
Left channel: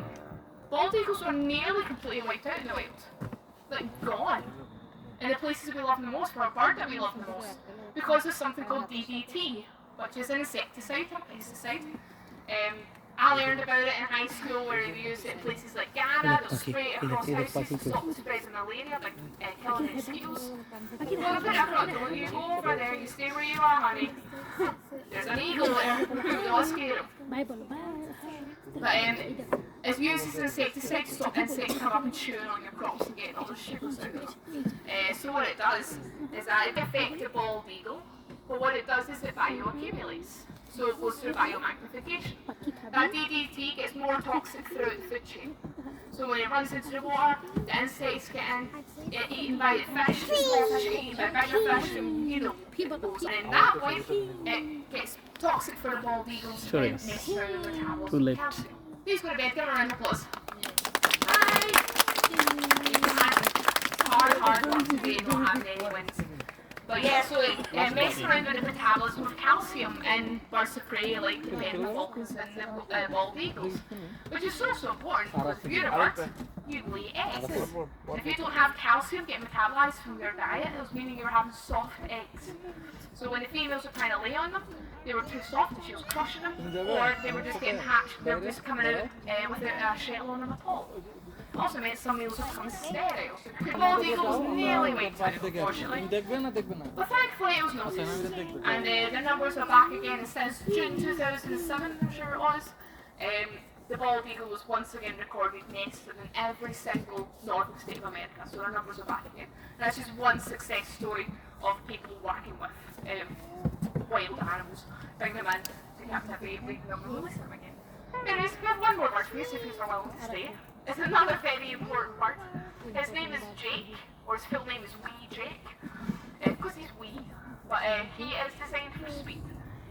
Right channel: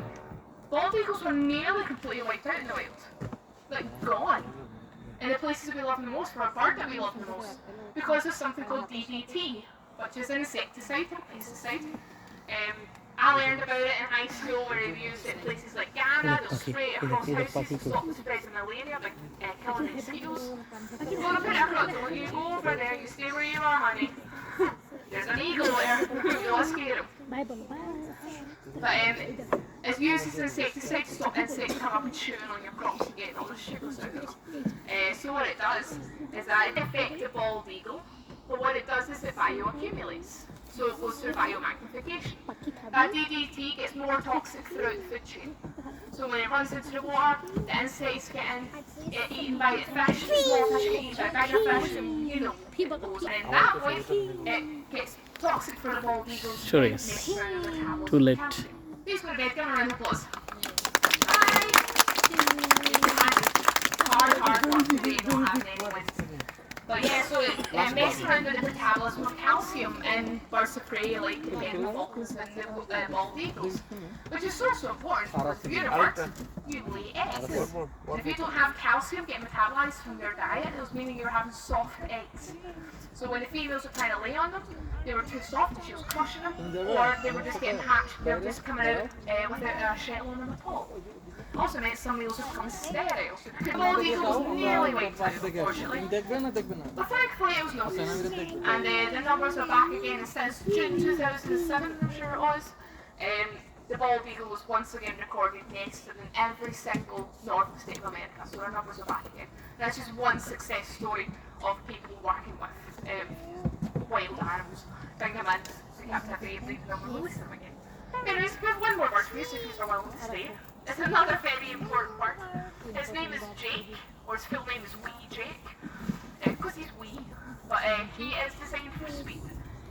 Bald eagles were nearly completely wiped out in the wild. Like gone. In the places we love the most, for a bird that we love the most. Because of something called DDT, which is an insecticide or pesticide. I learned about it in high school where they used it in places like Ghana, they'll spray it across houses to stop the spread of malaria by killing the mosquitoes. Well, put it across, don't you go over there, you stay where you are, honey. There's an eagle there, don't scare him. But it's used as an insecticide to stop insects come up and chewing on your crops and getting all the sugars out of them. So what it does is that it affects the bald eagle, but what it does is it bioaccumulates. So it goes through biomagnification. That DDT gets more toxic throughout the food chain. So when it runs into the water, the insects get in, get eaten by the fish, the small fish get eaten by bigger fish, you know, it goes. And in that way, it gets toxic for the bald eagles. Sure is. Too late. Please go to bed, give them a round of applause. Bye! Hard work today, not having any wins. But yeah, so it messes around with the metabolism of calcium in birds of prey like the penguin falcons and the bald eagles, which is so important because if you're a bird, you lay eggs. And if you don't have calcium getting metabolized from your diet, it was meaning you're having soft eggs. So when the females are trying to lay on them, they were too soft and she was crushing them, or they were just getting hatched and they were just coming out without a shell on them at all. It also meant some males would become sterile. The bald eagle was nearly wiped out, unfortunately. But thankfully it was noticed, and the numbers are back again, and since June 2007, I'm sure it was, the bald eagle was once again recorded nested in every single northern state of America, so our numbers are back again. And that's just one success story of people working with wild animals, bring them in to captivity, breed them and release them again. Anyways, we have one more bird for you, so if you're willing to stay. It's another very important bird. His name is Jake, or his full name is Wee Jake, because he's wee, but he is designed for speed.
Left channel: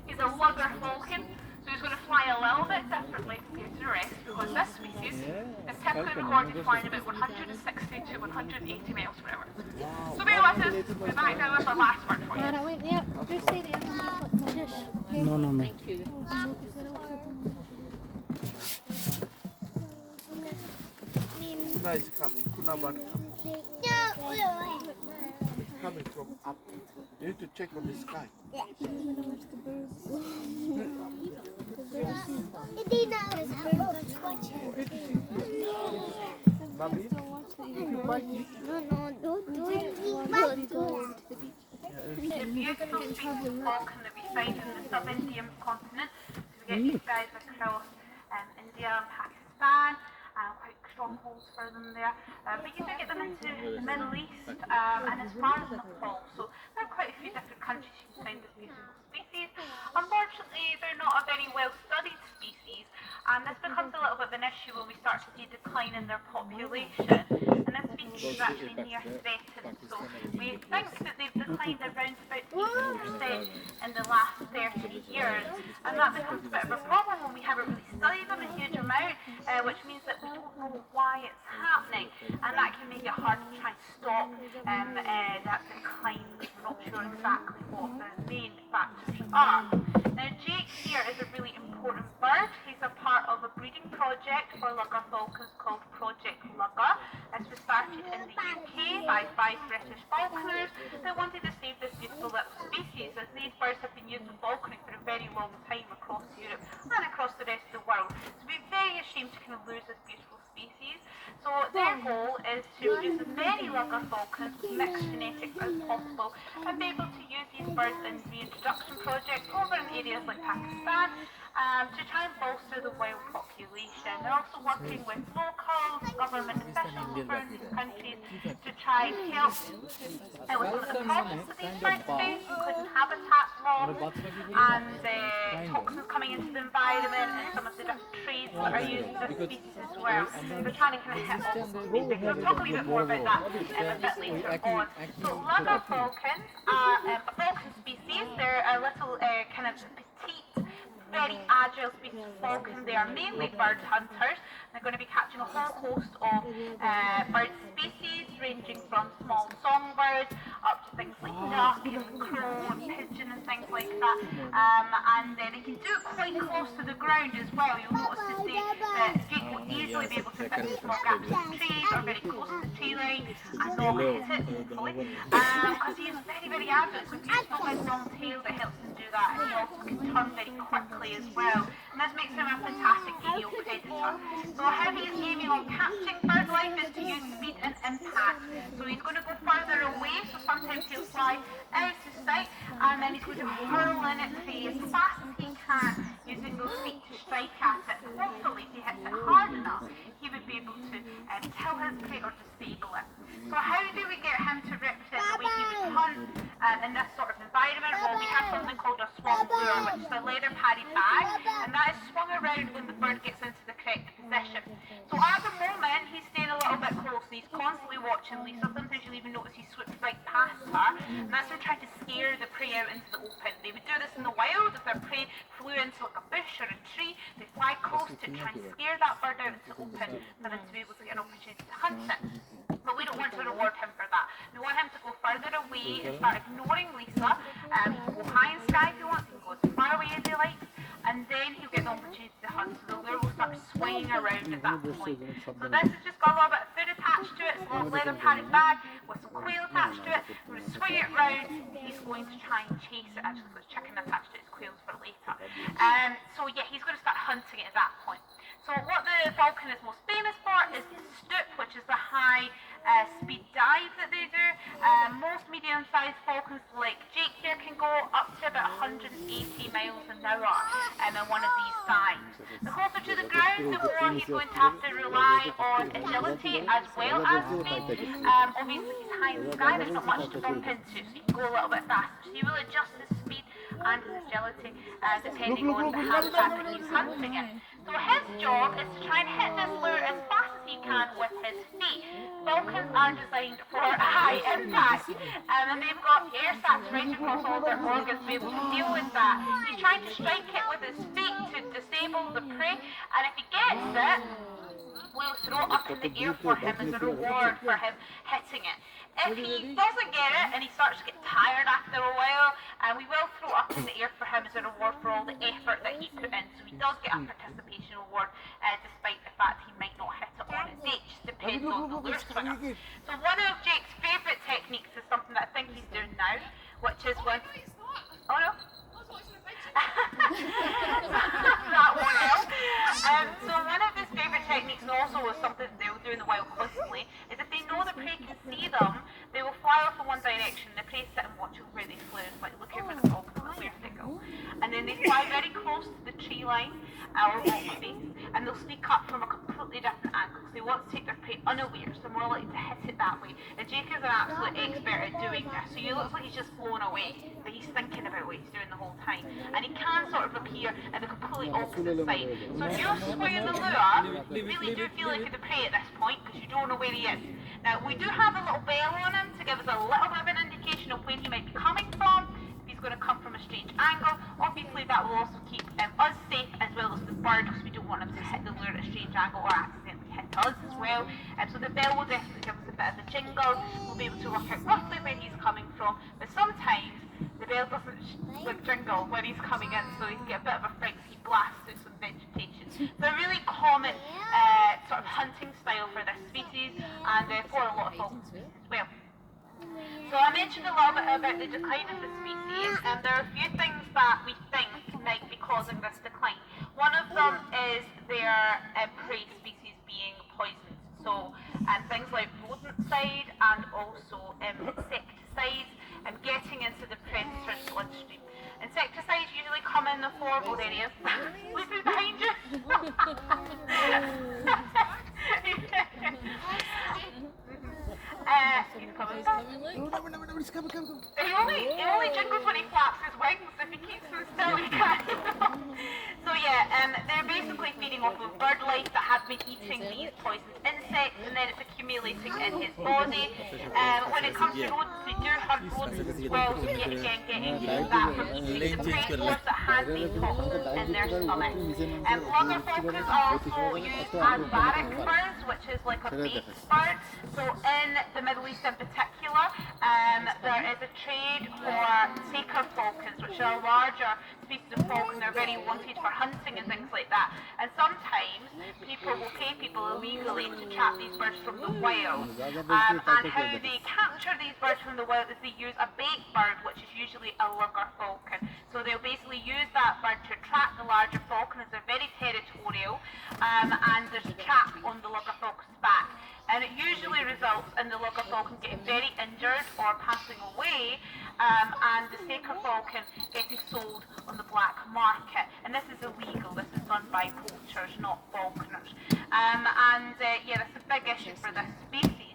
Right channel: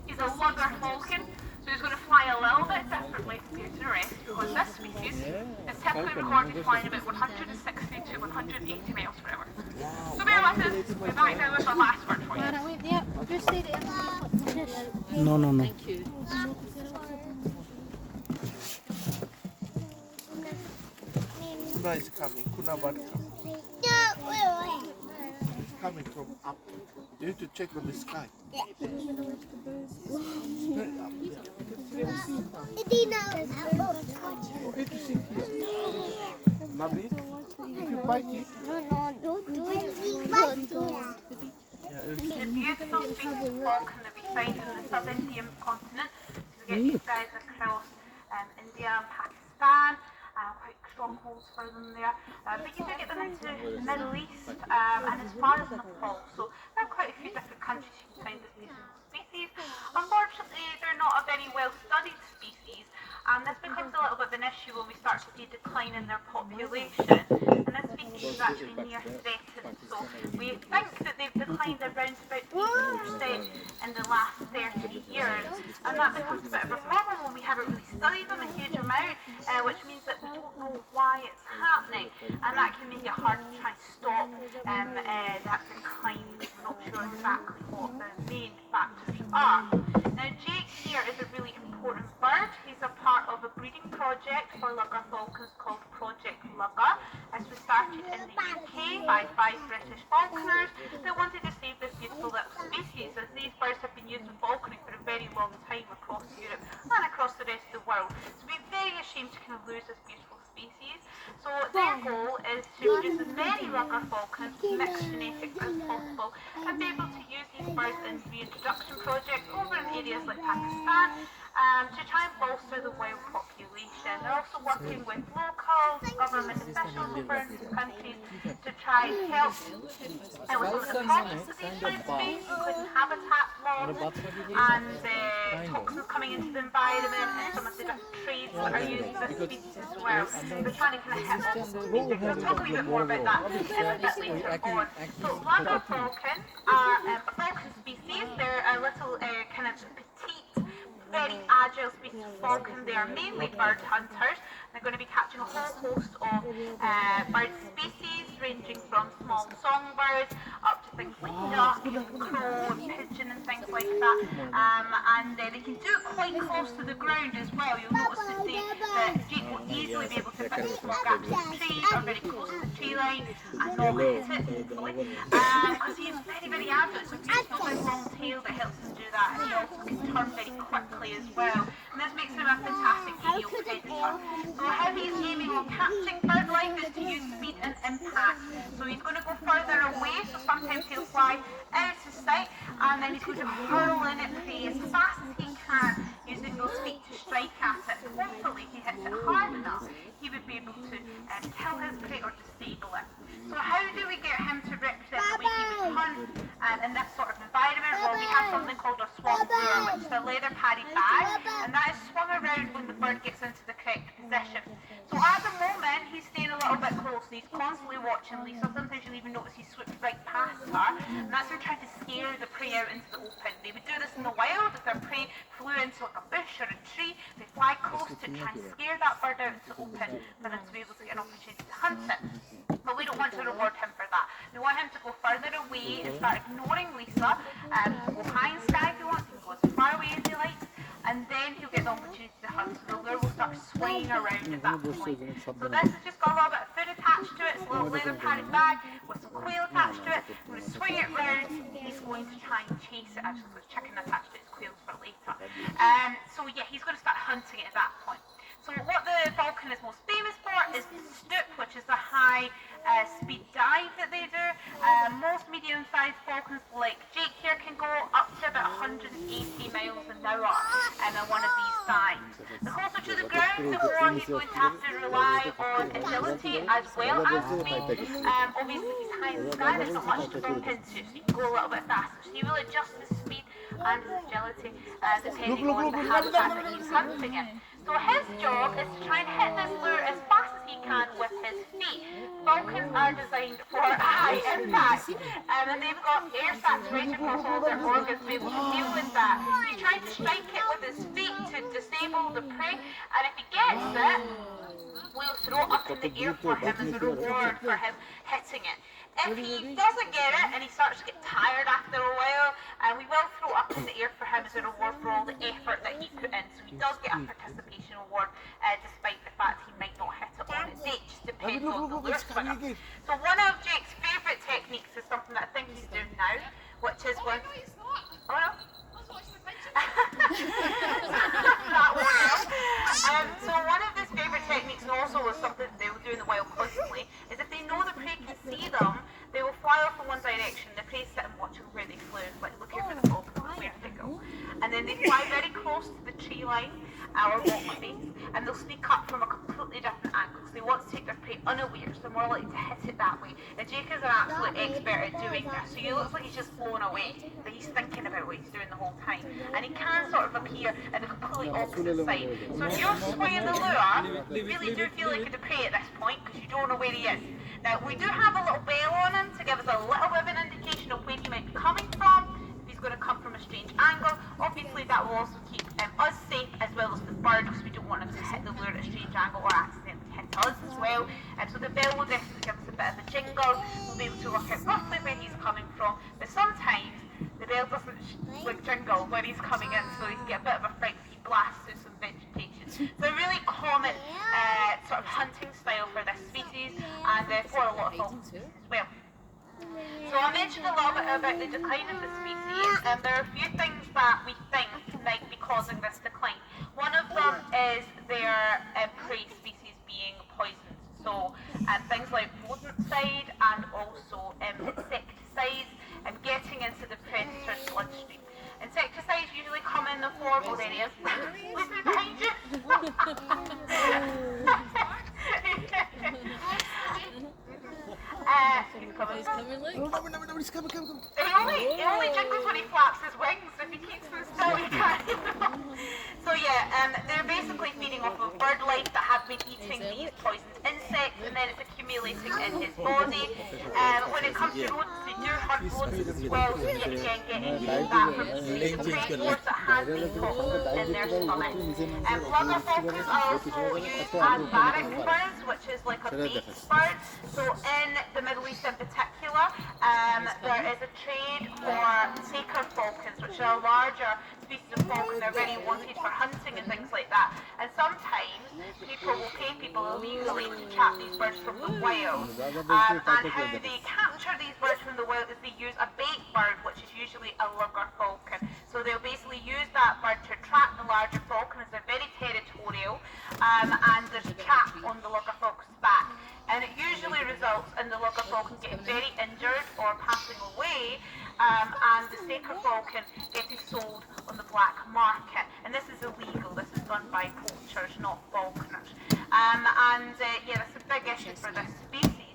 He's a lugger falcon, so he's going to fly a little bit differently compared to the rest, because this species is typically recorded flying about 160 to 180 miles per hour. So bear with us, we're back now with our last word for you. No. Thank you. Guys coming, coming from up. You need to check on the sky. Nabi, if you bite it. The beautiful species of falcon that we find in the sub-Indian continent. So we get these guys across India and Pakistan. Quite strongholds for them there, but you do get them into the Middle East and as far as Nepal, so there are quite a few different countries you can find this beautiful species. Unfortunately, they're not a very well studied species, and this becomes a little bit of an issue when we start to see a decline in their population, and this species is actually near threatened, so we think that they've declined around about 80% in the last 30 years, and that becomes a bit of a problem when we haven't really studied them in huge amount, which means that we don't know why it's happening, and that can make it hard to try and stop that decline. We're not sure exactly what the main factors are. Now, Jake here is a really important bird. He's a part of a breeding project for lugger falcons called Project Lugger. This was started in the UK by 5 British falconers that wanted to save this beautiful little species, as these birds have been used in falconry for a very long time across Europe and across the rest of the world. So we'd be very ashamed to kind of lose this beautiful species. So their goal is to produce as many lugger falcons with mixed genetics as possible and be able to use these birds in reintroduction projects over in areas like Pakistan to try and bolster the wild population. They're also working with locals, government officials over in these countries to try and help with some of the problems that these birds face, including habitat loss and toxins coming into the environment and some of the different trades that are used for this species as well. They're trying to kind of hit all those basics. We'll talk a wee bit more about that a bit later on. So lugger falcons are a falcon species. They're a little kind of petite, very agile species of falcon. They are mainly bird hunters. They're going to be catching a whole host of bird species, ranging from small songbirds up to things like duck and crow and pigeon and things like that. And they can do it quite close to the ground as well. You'll notice that Jake will easily be able to fit in small gaps in trees or very close to the tree line and not hit it, hopefully. Because he is very, very agile. It's a beautiful big long tail that helps him do that. And he also can turn very quickly as well. And this makes him a fantastic aerial predator. So how he's aiming on catching bird life is to use speed and impact. So he's going to go further away, so sometimes he'll fly out of sight, and then he's going to hurl in at prey as fast as he can, using those feet to strike at it. Hopefully, if he hits it hard enough, he would be able to kill his prey or disable it. So how do we get him to represent the way he would hunt in this sort of environment? Well, we have something called a swung lure, which is a leather padded bag, and that is swung around when the bird gets into the correct position. So at the moment, he's staying a little bit close, and he's constantly watching Lisa. Sometimes you'll even notice he slips right past her, and that's him trying to scare the prey out into the open. They would do this in the wild. If their prey flew into like a bush or a tree, they fly close to it, try and scare that bird out into the open for them to be able to get an opportunity to hunt it. But we don't want to reward him for that. We want him to go further away and start ignoring Lisa, go high in sky if he wants, he can go as far away as he likes, and then he'll get the opportunity to hunt. So the lure will start swinging around at that point. So this has just got a little bit of food attached attached to it. It's a little leather padded bag with some quail attached to it. I'm going to swing it round. He's going to try and chase it. Actually, there's chicken attached to it. It's quails for later. So yeah, he's going to start hunting it at that point. So what the falcon is most famous for is the stoop, which is the high speed dive that they do. Most medium-sized falcons like Jake here can go up to about 180 miles an hour in one of these dives. The closer to the ground, the more he's going to have to rely on agility as well as speed. Obviously he's high in the sky, there's not much to bump into, so he can go a little bit faster. So he will adjust his speed and his agility depending on the habitat that he's hunting in. So his job is to try and hit this lure as fast as he can with his feet. Falcons are designed for high impact, and they've got air sacs right across all their organs to be able to deal with that. He's trying to strike it with his feet to disable the prey, and if he gets it, we'll throw it up in the air for him as a reward for him hitting it. If he doesn't get it and he starts to get tired after a while, we will throw it up in the air for him as a reward for all the effort that he put in. So he does get a participation award despite the fact he might not hit it on his date. Just depends on the lure swinger. So one of Jake's favourite techniques is something that I think he's doing now, which is when... Oh no? That won't help. So one of his favourite techniques, and also is something that they'll do in the wild constantly, is if they know the prey can see them, they will fly off in one direction. The prey sit and watch where they flew, like looking for the falcon, where did they go? And then they fly very close to the tree line or walkway base, and they'll sneak up from a completely different angle. So they want to take their prey unaware, so they're more likely to hit it that way. And Jake is an absolute expert at doing this. So he looks like he's just flown away, but he's thinking about what he's doing the whole time. And he can sort of appear at the completely opposite side. So if you're swinging the lure, you really do feel like the prey at this point because you don't know where he is. Now we do have a little bell on him to give us a little bit of an indication of where he might be coming from. If he's going to come from a strange angle, obviously that will also keep us safe as well as the bird, because we don't want him to hit the lure at a strange angle or accidentally hit us as well. So the bell will definitely give us a bit of a jingle. We'll be able to work out roughly where he's coming from, but sometimes the bell doesn't jingle when he's coming in, so he can get a bit of a fright if he blasts through some vegetation. It's a really common sort of hunting style for this species, and for a lot of falcon species as well. So I mentioned a little bit about the decline of the species, and there are a few things that we think might be causing this decline. One of them is their prey species being poisoned. So things like rodenticide and also insecticides getting into the predator's bloodstream. Insecticides usually come in the form of areas. Listen behind you. He's coming. He only jiggles when he flaps his wings. If he keeps them still, he can't. So yeah, they're basically feeding off of bird life that have been eating these poisoned insects, and then it's accumulating in his body. When it comes to rodents, they do hunt rodents as well, so yet again getting that from eating the prey force that has been toxins in their stomach. Lugger falcons are also used as barrack birds, which is like a base bird. So in the Middle East in particular, there is a trade for saker falcons, which are larger species of falcon. They're very wanted for hunting and things like that. And sometimes people will pay people illegally to trap these birds from the wild. And how they capture these birds from the wild is they use a bait bird, which is usually a lugger falcon. So they'll basically use that bird to attract the larger falcon, as they're very territorial, and there's a trap on the lugger falcon's back. And it usually results in the lugger falcon getting very injured or passing away, and the saker falcon getting sold on the black market. And this is illegal. This is done by poachers, not falconers. Yeah, that's a big issue for this species.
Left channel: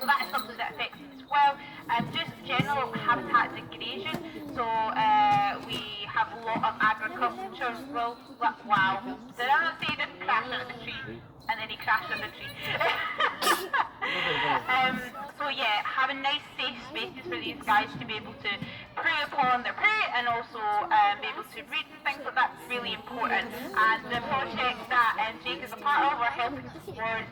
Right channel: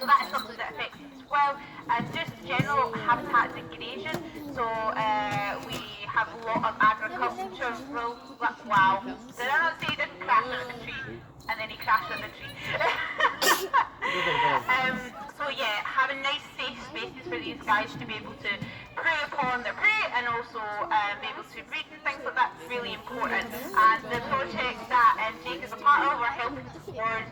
So that is something that affects us as well. And just general habitat degradation. So we have a lot of agriculture. Wow. Did I not say he didn't crash into the tree? And then he crashed on the tree. So yeah, having nice safe spaces for these guys to be able to prey upon their prey and also be able to breed and things like that is really important. And the project that Jake is a part of are helping towards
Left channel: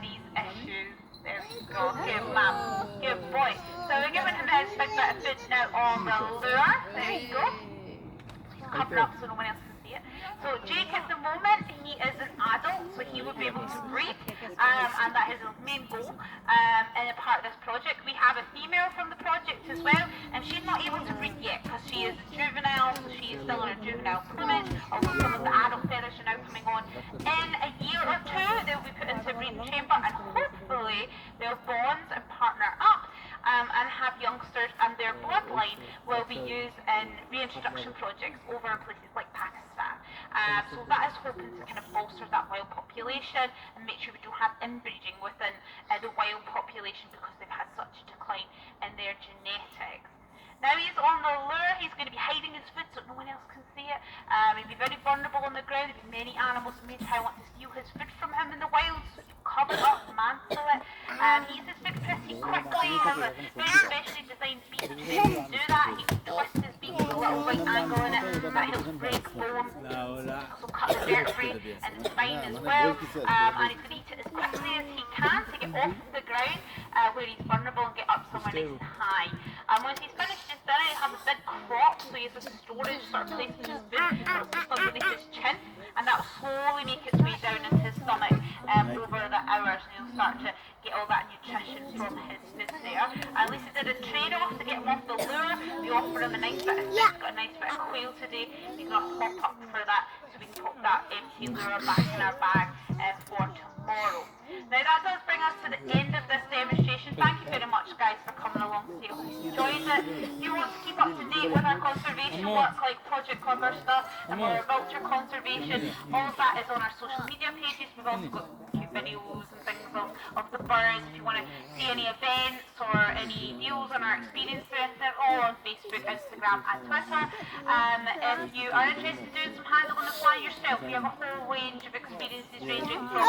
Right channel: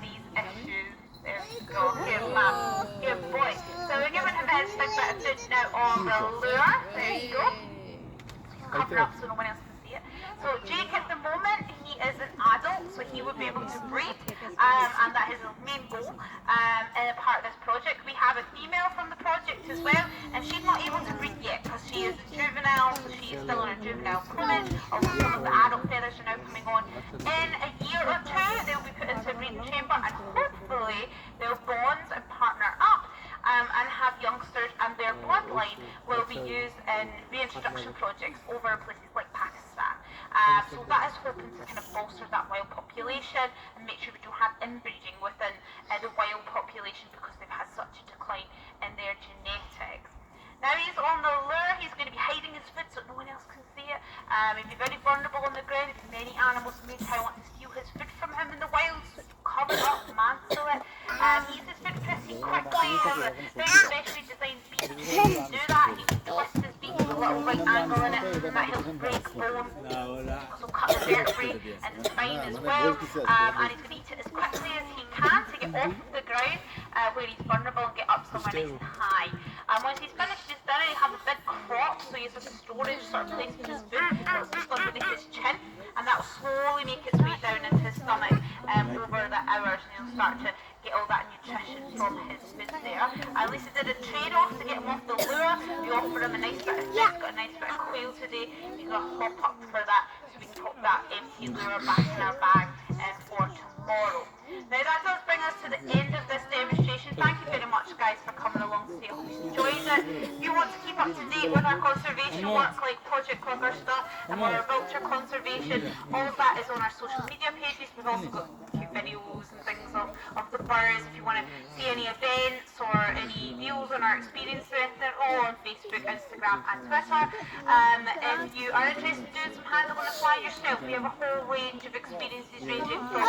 these issues. There we go. Good man. Good boy. So we're giving him a big bit of food now on the lure. There you go. Cover up so no one else can see it. So Jake at the moment, he is an adult, so he would be able to breed, and that is his main goal in a part of this project. We have a female from the project as well, and she's not able to breed yet because she is a juvenile, so she is still on her juvenile plumage, although some of the adult feathers are now coming on. In a year or two, they'll be put into a breeding chamber, and hopefully they'll bond and partner up and have youngsters, and their bloodline will be used in reintroduction projects over places like Pakistan. So that is hoping to kind of bolster that wild population and make sure we don't have inbreeding within the wild population because they've had such a decline in their genetics. Now he's on the lure, he's going to be hiding his food so no one else can see it. He'll be very vulnerable on the ground. There'll be many animals that may try want to steal his food from him in the wild, so cover it up, mantle it. He eats his food pretty quickly, he has a very specially designed beak to do that. He can twist his beak with a little right angle in it, and that helps break bone, so cut the vertebrae and the spine as well. And he's going to eat it as quickly as he can to get off of the ground where he's vulnerable and get up somewhere nice and high. Once he's finished his dinner, he has a big crop, so he has a storage sort of place for his food that's just underneath his chin, and that will slowly make its way down into his stomach over the hours, and he'll start to get all that nutrition from his food there. And Lisa did a trade-off to get him off the lure. We offer him a nice bit of fish, got a nice bit of quail today. He's going to hop up for that, so we can put that empty lure back in our bag for tomorrow. Now that does bring us to the end of this demonstration. Thank you very much guys for coming along today. I hope you enjoyed it. If you want to keep up to date with our conservation work like Project Clever Stuff and our vulture conservation, all of that is on our social media pages. We've also got cute videos and things of the birds. If you want to see any events or any deals on our experience with it, they're all on Facebook, Instagram and Twitter. If you are interested in doing some handle on the fly yourself, we have a whole range of experiences ranging from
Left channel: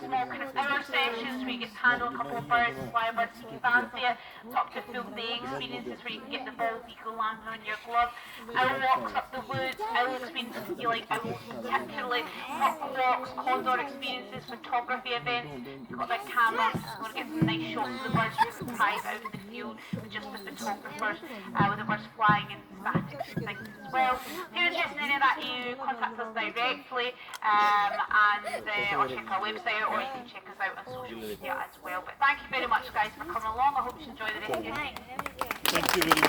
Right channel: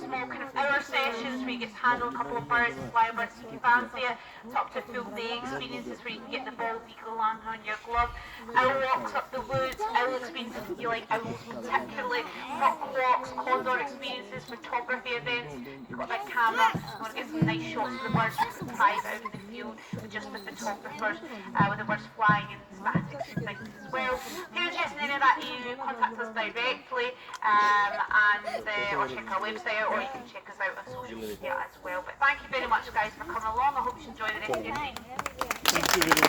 small kind of hour sessions where you get to handle a couple of birds and fly birds if you fancy it, up to full day experiences where you can get the bald eagle landing on your glove, owl walks up the woods, owl experiences if you like owls particularly, hawk walks, condor experiences, photography events. You've got that camera, you want to get some nice shots of the birds you can prize out in the field with just the photographers, with the birds flying and statics and things as well. If you're interested in any of that, you contact us directly or check our website out, or you can check us out on social media as well. But thank you very much guys for coming along. I hope you enjoy the rest of your night. Thank you very